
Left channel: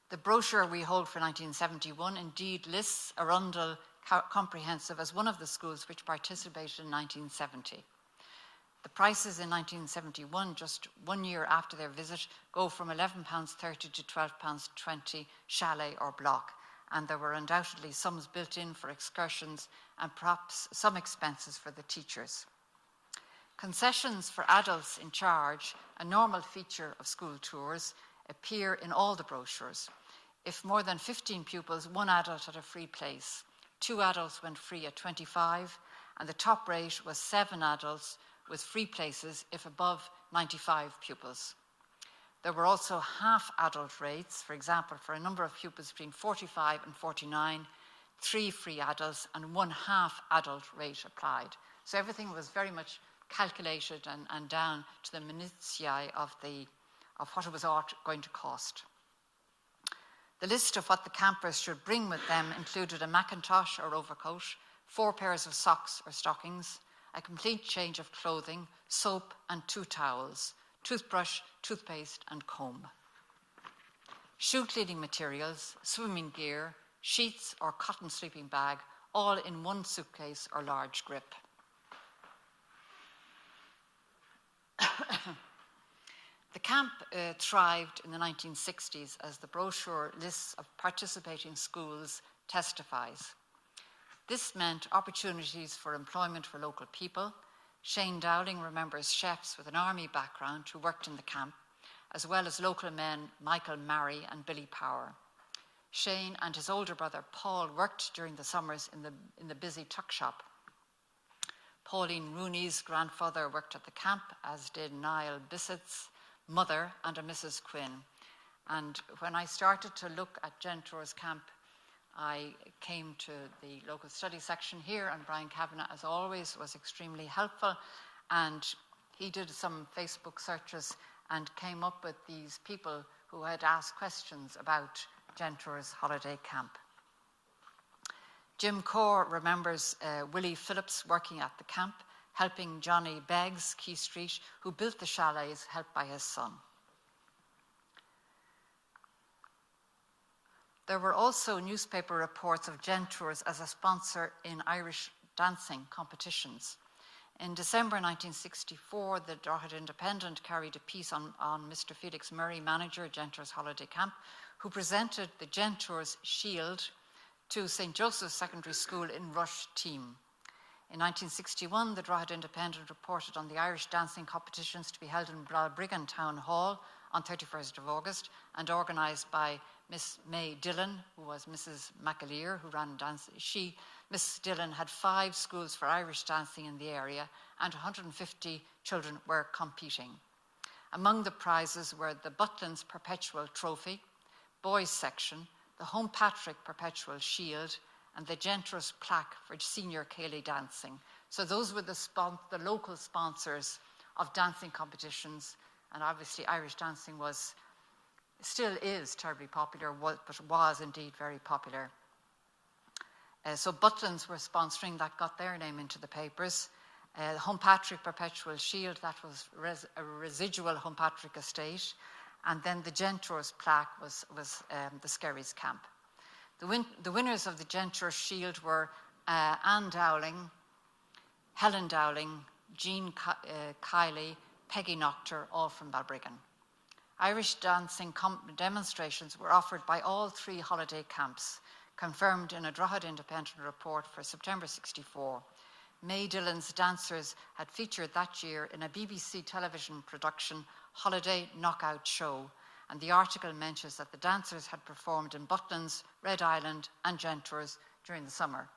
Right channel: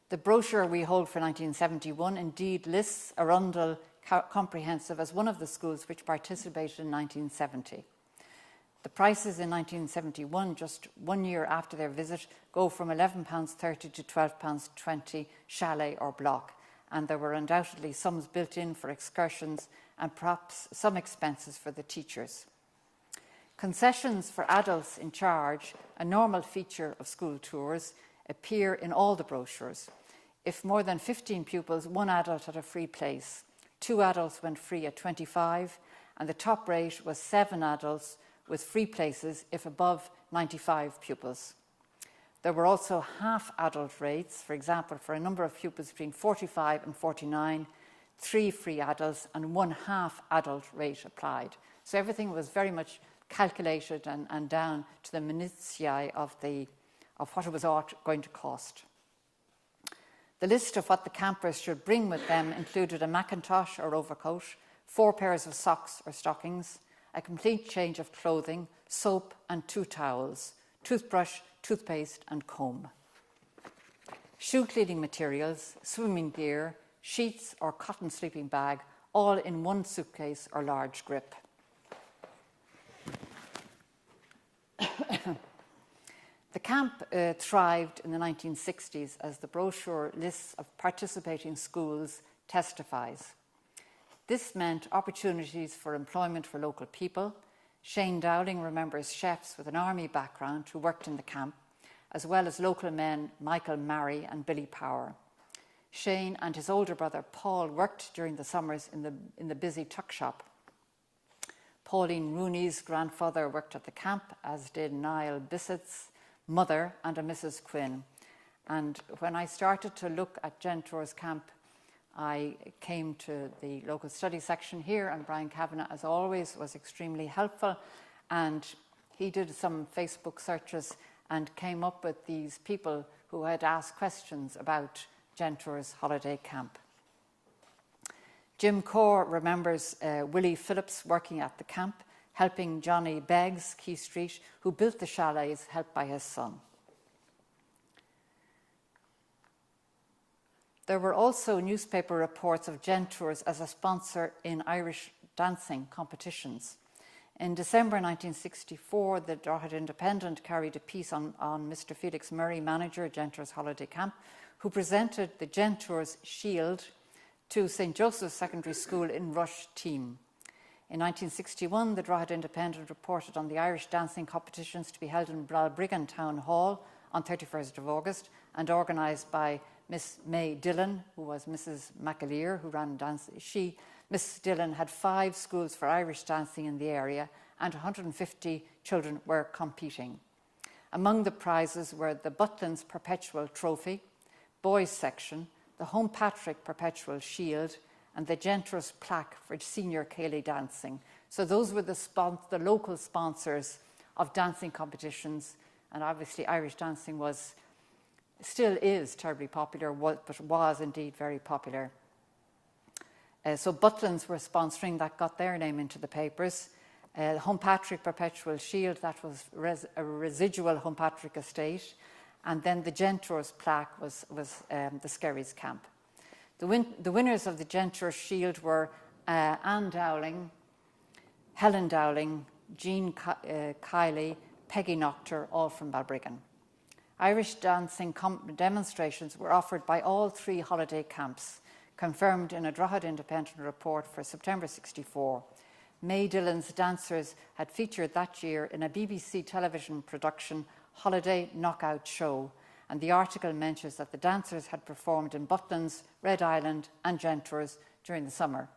The brochure we hold for 1971 indeed lists Arundel Comprehensive as one of the schools which participated in 1970. The prices in 1971, just 1 year after their visit, go from £11.30 to £12.20 chalet or block, and there were undoubtedly sums built in for excursions and perhaps some expenses for the teachers. Concessions for adults in charge, a normal feature of school tours, appear in all the brochures. If more than 15 pupils, 1 adult had a free place. 2 adults went free at 25, and the top rate was 7 adults with free places if above 95 pupils. There were also half-adult rates, for example, for a number of pupils between 45 and 49, 3 free adults and 1 half-adult rate applied. So everything was very much calculated and down to the minutiae of what it was going to cost. The list of what the campers should bring with them included a mackintosh or overcoat, 4 pairs of socks or stockings, a complete change of clothing, soap and 2 towels, toothbrush, toothpaste and comb. Shoe cleaning materials, swimming gear, sheets or cotton sleeping bag, all in 1 suitcase or large grip. The camp thrived in the 1960s, as the brochure lists of participating schools testifies. This meant opportunities for employment for local people. Shane Dowling remembers chefs with an army background who worked in the camp, as well as local men Michael Marry and Billy Power. Shane and his older brother Paul worked during the summers in the busy tuck shop. Pauline Rooney's grandfather worked at the camp, as did Niall Bissett's mother and a Mrs. Quinn. And when I started to look at Gentours Camp, I came to the local study section here, and Brian Kavanagh, as always, was extremely helpful. And he did some Facebook searches and came up with these people who had asked questions about Gentours Holiday Camp. Jim Corr remembers Willie Phillips working at the camp, helping Johnny Beggs, Key Street, who built the chalets, helped by his son. There were also newspaper reports of Gentours as a sponsor in Irish dancing competitions. In December 1964, the Drogheda Independent carried a piece on Mr. Felix Murray, manager, Gentours Holiday Camp, who presented the Gentours Shield to St. Joseph's Secondary School in Rush team. In 1961, the Drogheda Independent reported on the Irish dancing competitions to be held in Balbriggan Town Hall on 31st of August and organised by Miss May Dillon, who was Mrs. McAleer, who ran dance. Miss Dillon had 5 schools for Irish dancing in the area and 150 children were competing. Among the prizes were the Butlins Perpetual Trophy, Boys Section, the Home Patrick Perpetual Shield and the Gentours plaque for senior Cayley dancing. So those were the local sponsors of dancing competitions, and obviously Irish dancing still is terribly popular, but was indeed very popular. So Butlins were sponsoring, that got their name into the papers. Home Patrick Perpetual Shield, that was a residual Home Patrick estate. And then the Gentours plaque was the Skerries camp. The winners of the Gentours Shield were Anne Dowling, Helen Dowling, Jean Kiley, Peggy Noctor, all from Balbriggan. Irish dancing demonstrations were offered by all 3 holiday camps, confirmed in a Drogheda Independent report for September 64. May Dillon's dancers had featured that year in a BBC television production, Holiday Knockout Show, and the article mentions that the dancers had performed in Butlins, Red Island and Gentours during the summer.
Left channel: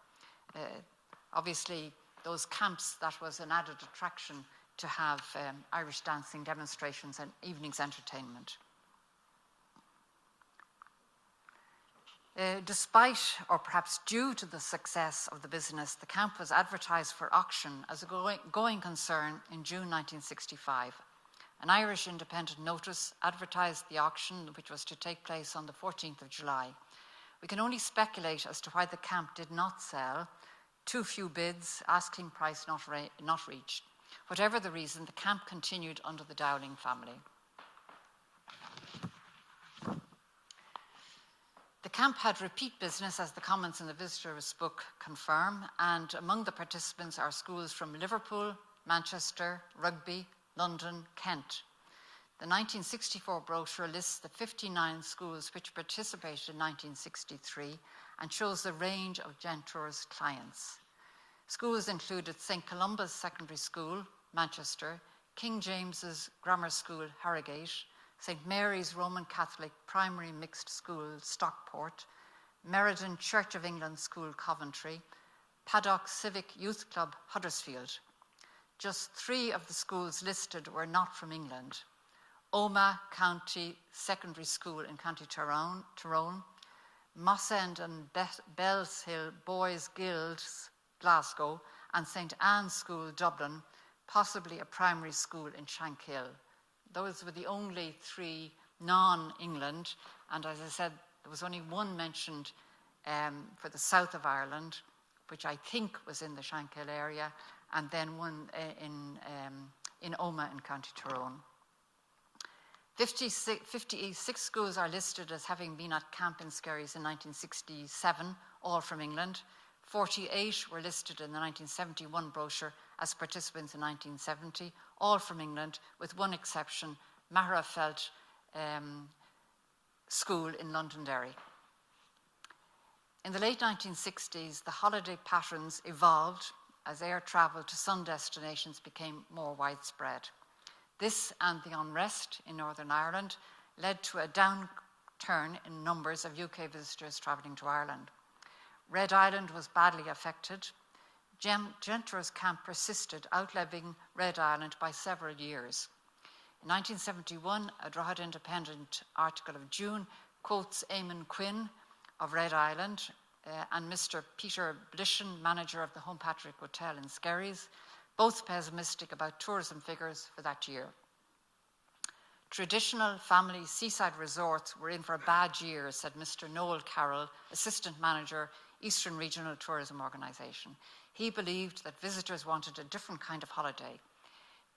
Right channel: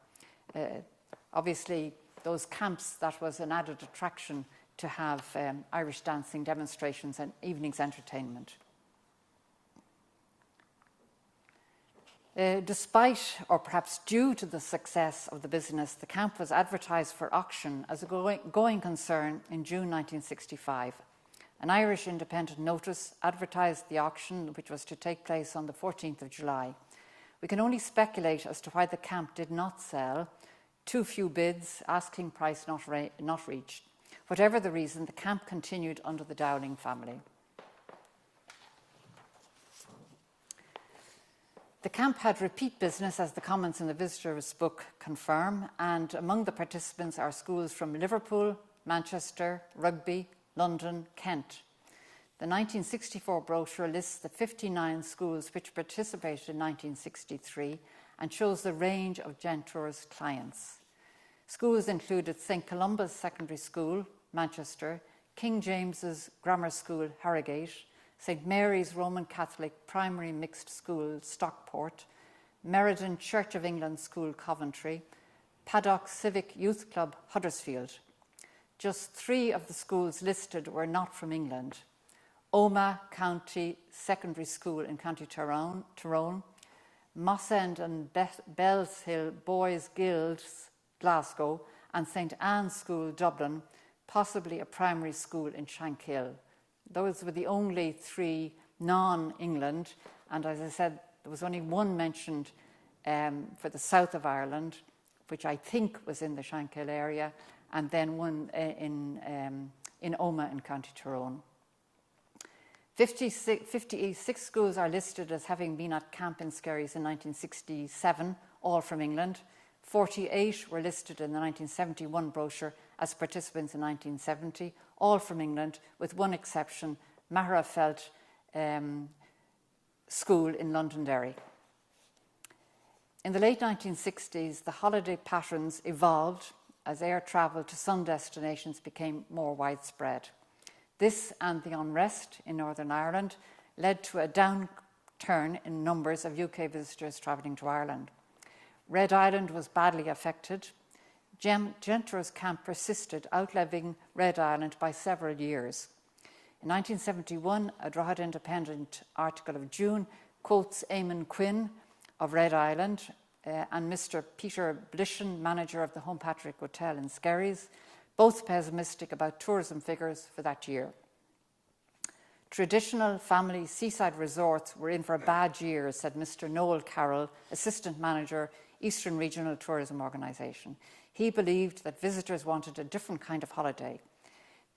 Obviously, those camps, that was an added attraction to have Irish dancing demonstrations and evenings entertainment. Despite, or perhaps due to the success of the business, the camp was advertised for auction as a going concern in June 1965. An Irish Independent notice advertised the auction, which was to take place on the 14th of July. We can only speculate as to why the camp did not sell. Too few bids, asking price not reached. Whatever the reason, the camp continued under the Dowling family. The camp had repeat business, as the comments in the visitor's book confirm, and among the participants are schools from Liverpool, Manchester, Rugby, London, Kent. The 1964 brochure lists the 59 schools which participated in 1963 and shows the range of Gentours clients. Schools included St. Columba's Secondary School, Manchester, King James's Grammar School, Harrogate, St. Mary's Roman Catholic Primary Mixed School, Stockport, Meriden Church of England School, Coventry, Paddock Civic Youth Club, Huddersfield. Just 3 of the schools listed were not from England. Omagh County Secondary School in County Tyrone, Moss End and Bellshill Boys Guilds, Glasgow, and St. Anne's School, Dublin, possibly a primary school in Shankill. Those were the only 3 non-England, and as I said, there was only one mentioned for the south of Ireland, which I think was in the Shankill area, and then one in Omagh in County Tyrone. 56 schools are listed as having been at camp in Skerries in 1967, all from England. 48 were listed in the 1971 brochure as participants in 1970, all from England, with one exception, Mahrafelt School in Londonderry. In the late 1960s, the holiday patterns evolved as air travel to sun destinations became more widespread. This and the unrest in Northern Ireland led to a downturn in numbers of UK visitors travelling to Ireland. Red Island was badly affected. Gentours camp persisted, outliving Red Island by several years. In 1971, a Drogheda Independent article of June quotes Eamon Quinn of Red Island and Mr. Peter Blishen, manager of the Home Patrick Hotel in Skerries, both pessimistic about tourism figures for that year. Traditional family seaside resorts were in for a bad year, said Mr. Noel Carroll, assistant manager, Eastern Regional Tourism Organisation. He believed that visitors wanted a different kind of holiday.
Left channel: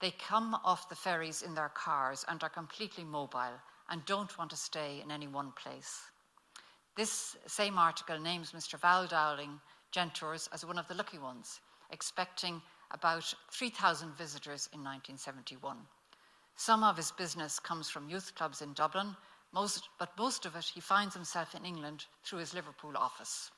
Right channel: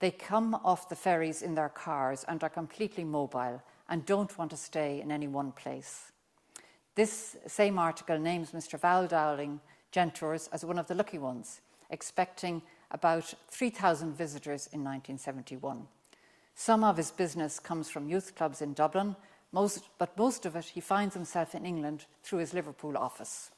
They come off the ferries in their cars and are completely mobile and don't want to stay in any one place. This same article names Mr. Val Dowling, Gentours, as one of the lucky ones, expecting about 3,000 visitors in 1971. Some of his business comes from youth clubs in Dublin, but most of it he finds himself in England through his Liverpool office.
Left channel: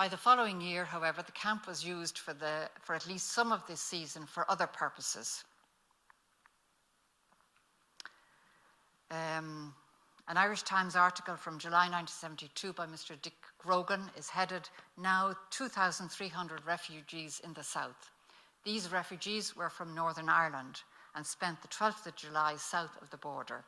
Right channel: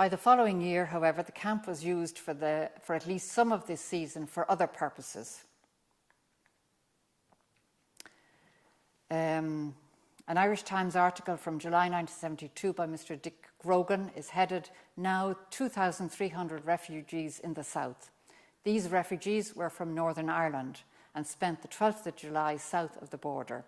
By the following year, however, the camp was used for at least some of this season for other purposes. An Irish Times article from July 1972 by Mr. Dick Grogan is headed, "Now 2,300 refugees in the south." These refugees were from Northern Ireland and spent the 12th of July south of the border.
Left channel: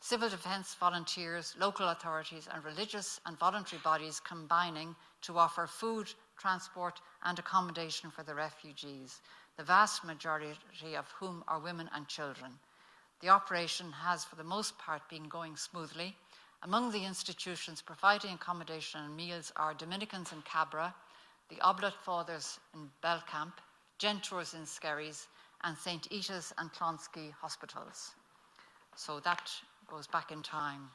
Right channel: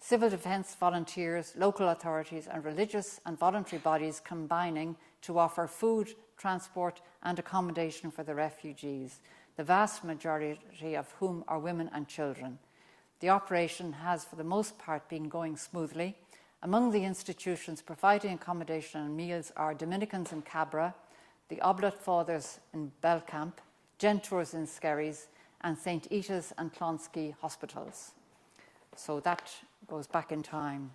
Civil defence volunteers, local authorities and religious and voluntary bodies combining to offer food, transport and accommodation for the refugees, the vast majority of whom are women and children. The operation has for the most part been going smoothly. Among the institutions providing accommodation and meals are Dominicans in Cabra, the Oblate Fathers in Belcamp, Gentours in Skerries and St. Ita's and Clonskeagh hospitals. So that goes back in time.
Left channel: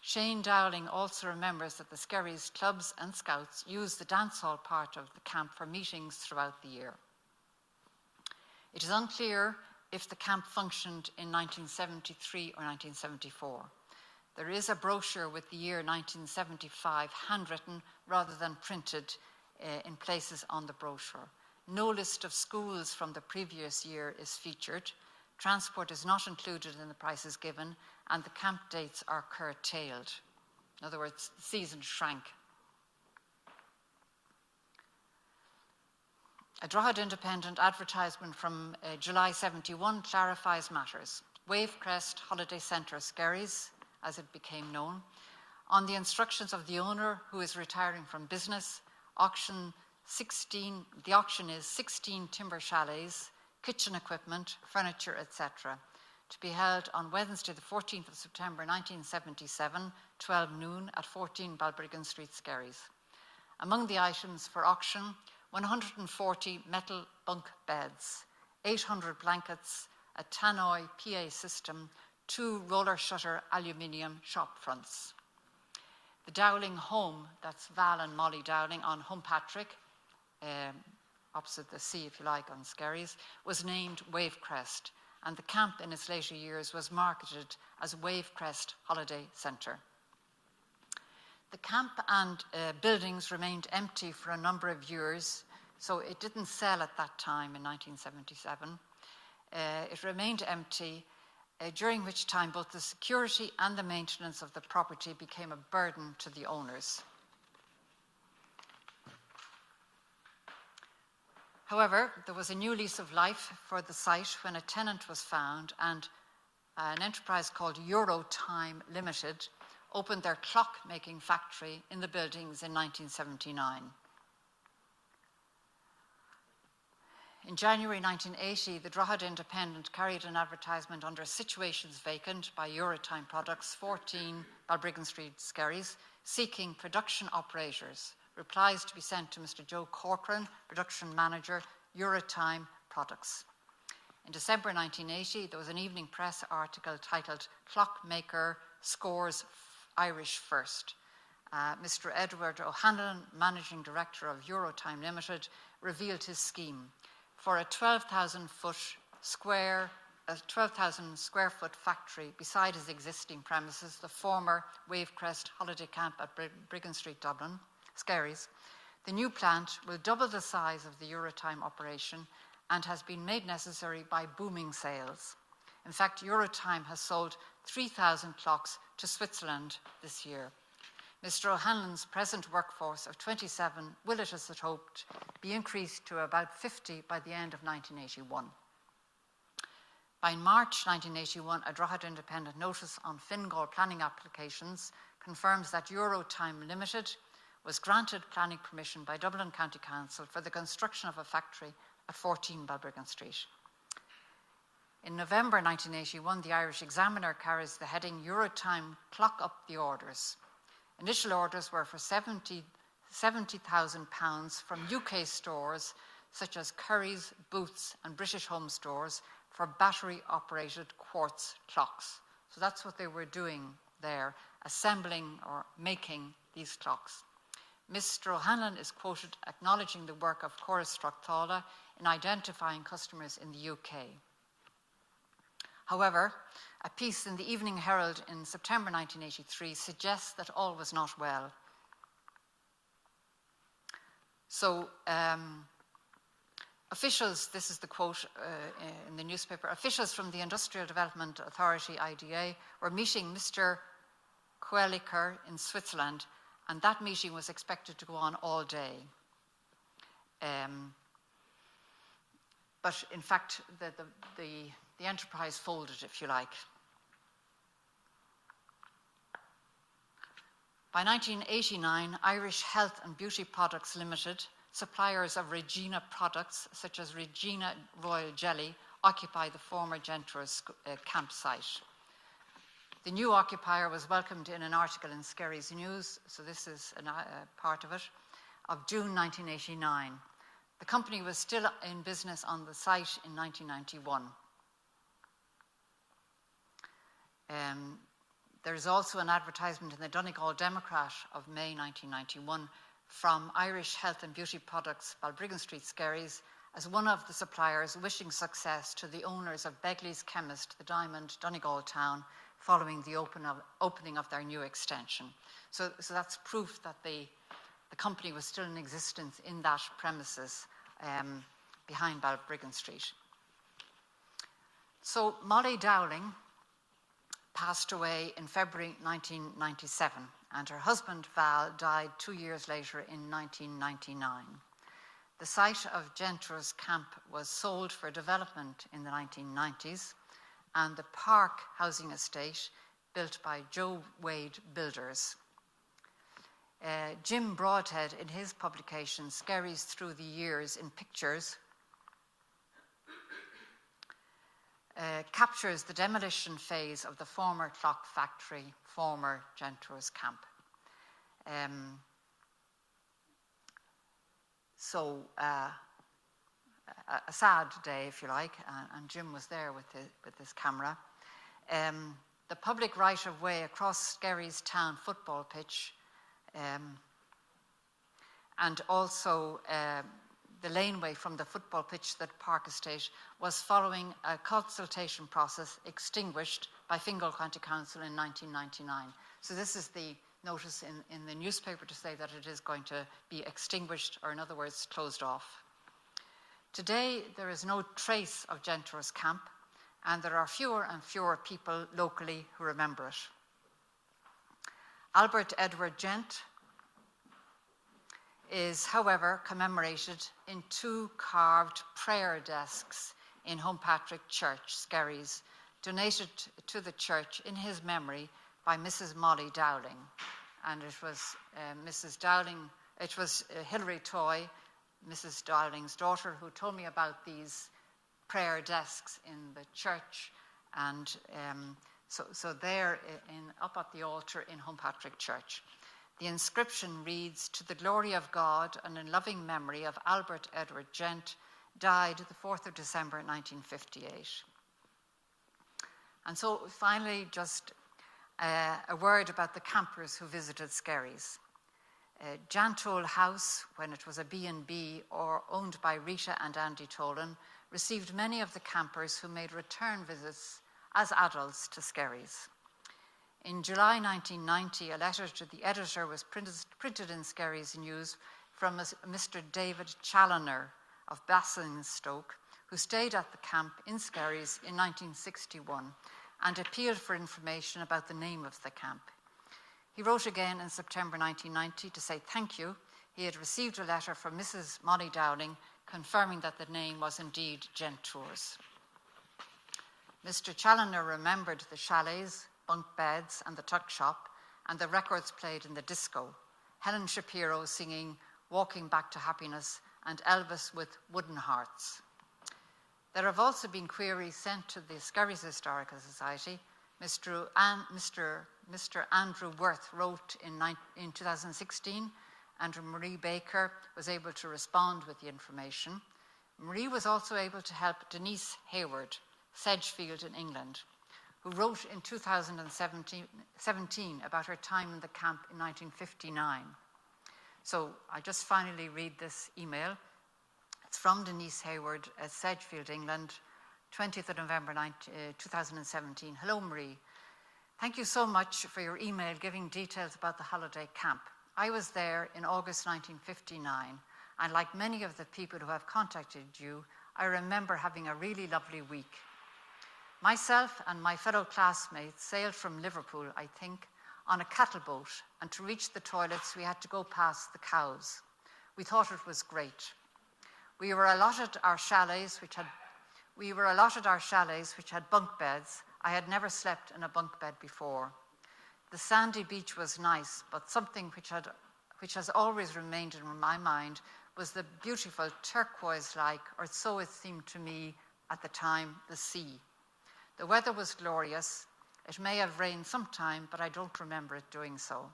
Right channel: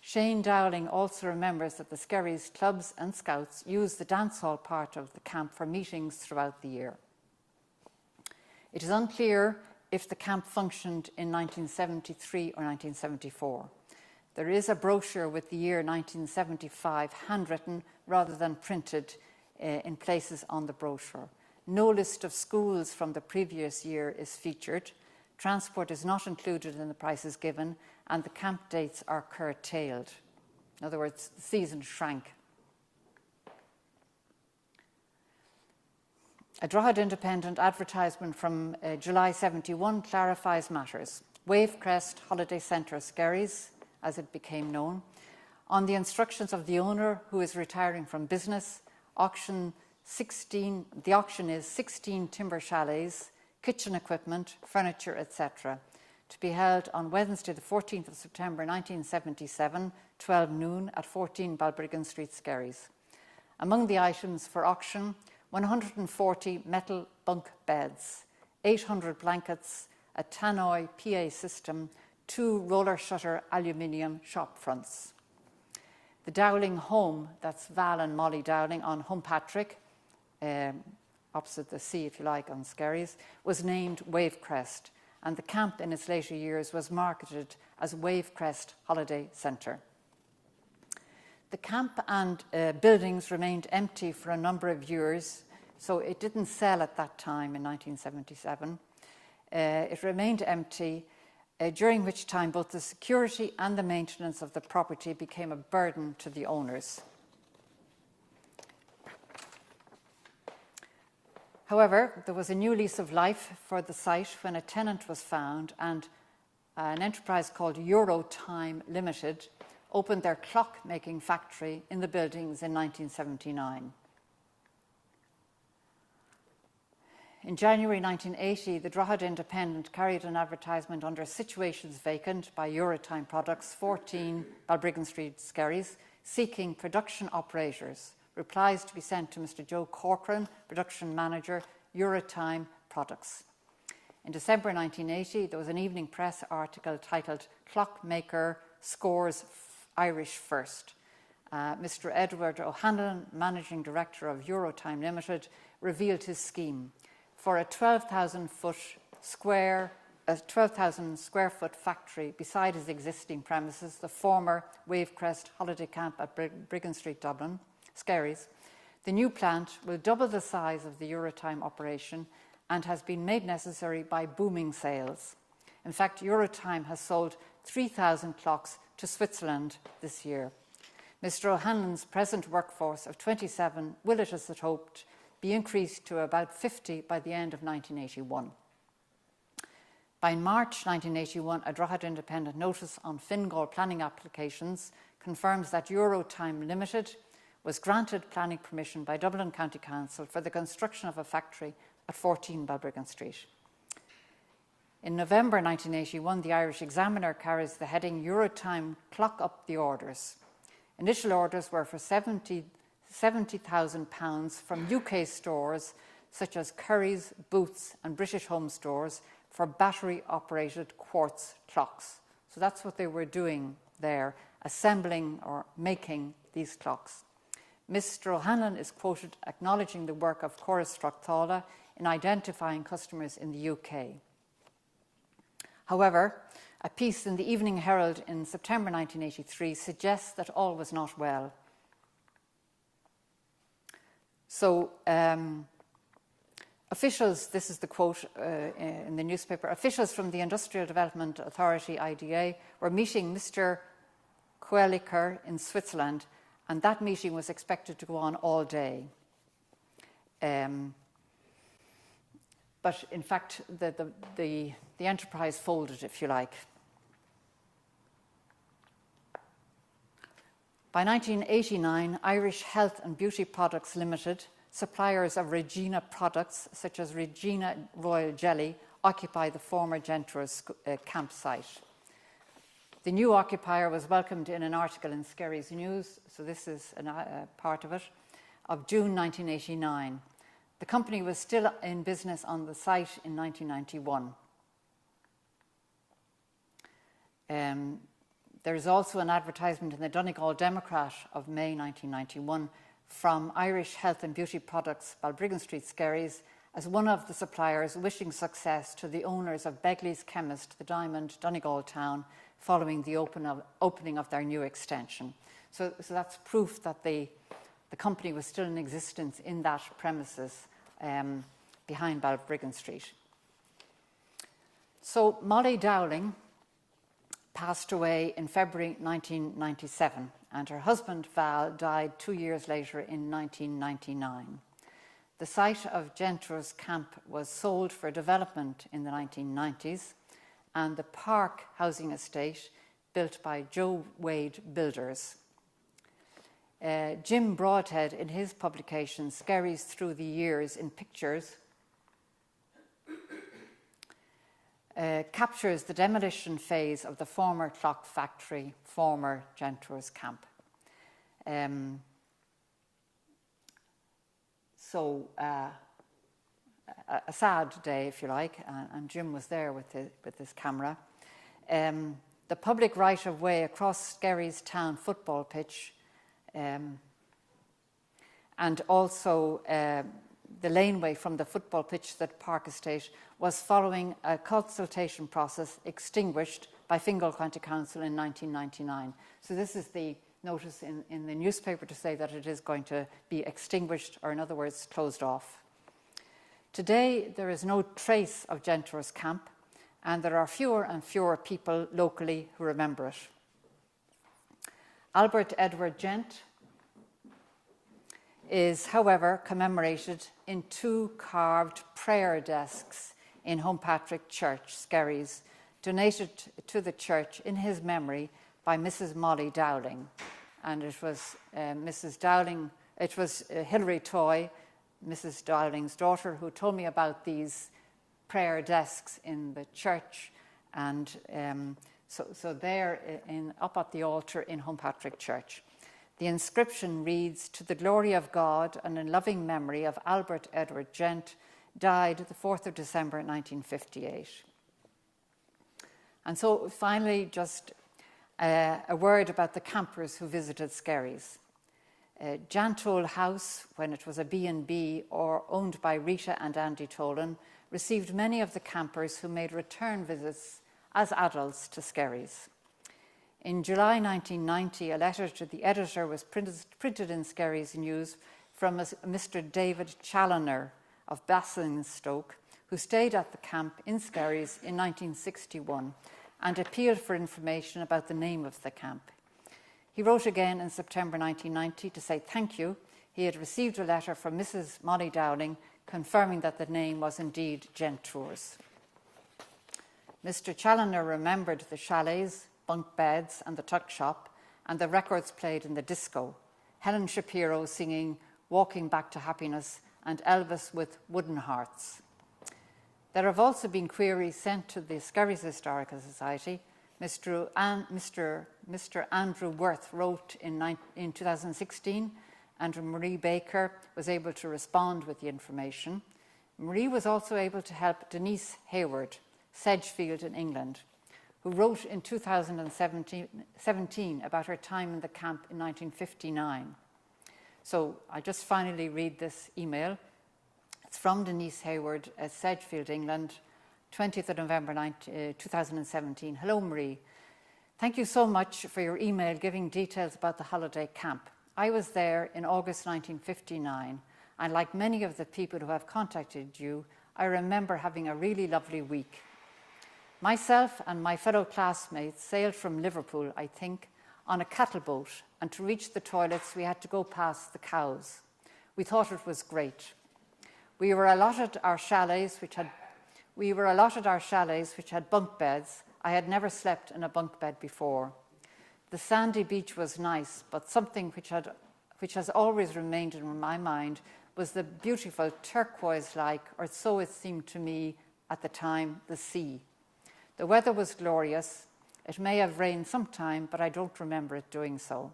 Shane Dowling also remembers that the Skerries clubs and scouts use the dance hall part of the camp for meetings throughout the year. It is unclear if the camp functioned in 1973 or 1974. There is a brochure with the year 1975 handwritten rather than printed in places on the brochure. No list of schools from the previous year is featured. Transport is not included in the prices given, and the camp dates are curtailed. In other words, the season shrank. A Drogheda Independent advertisement from July 71 clarifies matters. Wavecrest Holiday Centre Skerries, as it became known, on the instructions of the owner who is retiring from business, the auction is 16 timber chalets, kitchen equipment, furniture, etc., to be held on Wednesday the 14th of September 1977, 12 noon at 14 Balbriggan Street, Skerries. Among the items for auction, 140 metal bunk beds, 800 blankets, a tannoy PA system, 2 roller shutter aluminium shop fronts. The Dowling home, that's Val and Molly Dowling on Humpatrick, opposite the sea, if you like, on Skerries, was named Wavecrest, and the camp in its later years was marketed as Wavecrest Holiday Centre. The camp and buildings remained empty for a number of years, so it didn't sell at that time in 1977. It remained empty, during which time both the security and the maintenance of the property became a burden to the owners. However, there was a new lease of life for the site when a tenant was found and an enterprise called Eurotime Limited opened their clock-making factory in the buildings in 1979. In January 1980, the Drogheda Independent carried an advertisement under Situations Vacant by Eurotime Products, 14 Balbriggan Street, Skerries, seeking production operators. Replies to be sent to Mr. Joe Corcoran, Production Manager, Eurotime Products. In December 1980, there was an evening press article titled Clockmaker Scores Irish First. Mr. Edward O'Hanlon, Managing Director of Eurotime Limited, revealed his scheme for a 12,000 square foot factory beside his existing premises, the former Wavecrest Holiday Camp at Briggan Street, Dublin, Skerries. The new plant will double the size of the Eurotime operation and has been made necessary by booming sales. In fact, Eurotime has sold 3,000 clocks to Switzerland this year. Mr. O'Hanlon's present workforce of 27 will, it is hoped, be increased to about 50 by the end of 1981. By March 1981, a Drogheda Independent notice on Fingal planning applications confirms that Eurotime Limited was granted planning permission by Dublin County Council for the construction of a factory at 14 Balbriggan Street. In November 1981, the Irish Examiner carries the heading Eurotime Clock Up the Orders. Initial orders were for £70,000 from UK stores such as Curry's, Boots and British Home Stores for battery-operated quartz clocks. So that's what they were doing there, assembling or making these clocks. Mr. O'Hanlon is quoted acknowledging the work of Chorus Stracthala in identifying customers in the UK. However, a piece in the Evening Herald in September 1983 suggests that all was not well. So officials, this is the quote in the newspaper, officials from the Industrial Development Authority, IDA, were meeting Mr. Queliker in Switzerland, and that meeting was expected to go on all day. But in fact, the enterprise folded, if you like. By 1989, Irish Health and Beauty Products Limited, suppliers of Regina products such as Regina Royal Jelly, occupy the former Gentours campsite. The new occupier was welcomed in an article in Skerries News, so this is a part of it, of June 1989. The company was still in business on the site in 1991. There is also an advertisement in the Donegal Democrat of May 1991 from Irish Health and Beauty Products, Balbriggan Street, Skerries, as one of the suppliers wishing success to the owners of Begley's Chemist, the Diamond, Donegal town, following the opening of their new extension. So that's proof that the company was still in existence in that premises behind Balbriggan Street. So Molly Dowling passed away in February 1997, and her husband Val died 2 years later in 1999. The site of Gentours Camp was sold for development in the 1990s, and the Park housing estate built by Joe Wade Builders. Jim Broadhead, in his publication Skerries Through the Years in Pictures, captures the demolition phase of the former clock factory, former Gentours Camp. A sad day, if you like, and Jim was there with his camera. The public right-of-way across Skerries town football pitch, and also the laneway from the football pitch to the Park Estate was following a consultation process extinguished by Fingal County Council in 1999. So this is the notice in the newspaper to say that it is going to be extinguished, or in other words, closed off. Today, there is no trace of Gentours Camp, and there are fewer and fewer people locally who remember it. Albert Edward Gent is, however, commemorated in 2 carved prayer desks in Homepatrick Church, Skerries, donated to the church in his memory by Mrs. Molly Dowling. And it was Mrs. Dowling, it was Hilary Toy, Mrs. Dowling's daughter, who told me about these prayer desks in the church. And so they're up at the altar in Homepatrick Church. The inscription reads, "To the glory of God and in loving memory of Albert Edward Gent, died the 4th of December 1958. And so finally, just a word about the campers who visited Skerries. Jantole House, when it was a B&B or owned by Rita and Andy Tolan, received many of the campers who made return visits as adults to Skerries. In July 1990, a letter to the editor was printed in Skerries News from Mr. David Challoner of Basingstoke, who stayed at the camp in Skerries in 1961 and appealed for information about the name of the camp. He wrote again in September 1990 to say thank you. He had received a letter from Mrs. Molly Dowling confirming that the name was indeed Gentours. Mr. Challoner remembered the chalets, bunk beds and the tuck shop and the records played in the disco, Helen Shapiro singing Walking Back to Happiness and Elvis with Wooden Hearts. There have also been queries sent to the Skerries Historical Society. Mr. Andrew Worth wrote in 2016. Andrew Marie Baker was able to respond with the information. Marie was also able to help Denise Hayward, Sedgefield in England, who wrote in 2017 about her time in the camp in 1959. So I just finally read this email. It's from Denise Hayward at Sedgefield, England, 20th of November 2017. Hello, Marie. Thank you so much for your email giving details about the holiday camp. I was there in August 1959. and like many of the people who have contacted you, I remember having a really lovely week. Myself and my fellow classmates sailed from Liverpool, I think, on a cattle boat, and to reach the toilets we had to go past the cows. We thought it was great. We were allotted our chalets which had bunk beds. I had never slept in a bunk bed before. The sandy beach was nice, but something which has always remained in my mind was the beautiful turquoise-like, or so it seemed to me at the time, the sea. The weather was glorious. It may have rained sometime, but I don't remember it doing so.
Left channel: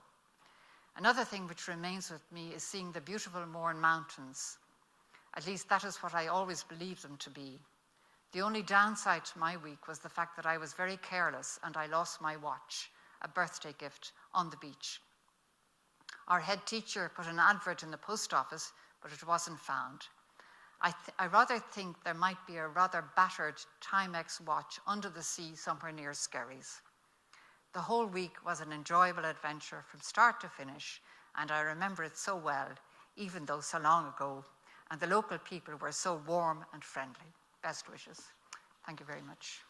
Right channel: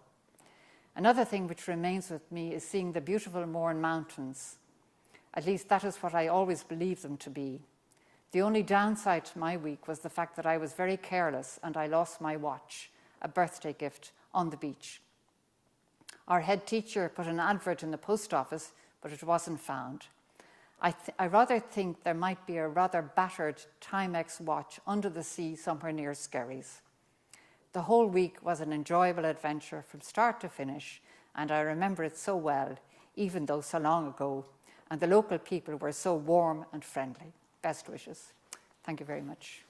Another thing which remains with me is seeing the beautiful Mourne Mountains. At least that is what I always believed them to be. The only downside to my week was the fact that I was very careless and I lost my watch, a birthday gift, on the beach. Our head teacher put an advert in the post office, but it wasn't found. I rather think there might be a rather battered Timex watch under the sea somewhere near Skerries. The whole week was an enjoyable adventure from start to finish, and I remember it so well, even though so long ago, and the local people were so warm and friendly. Best wishes. Thank you very much.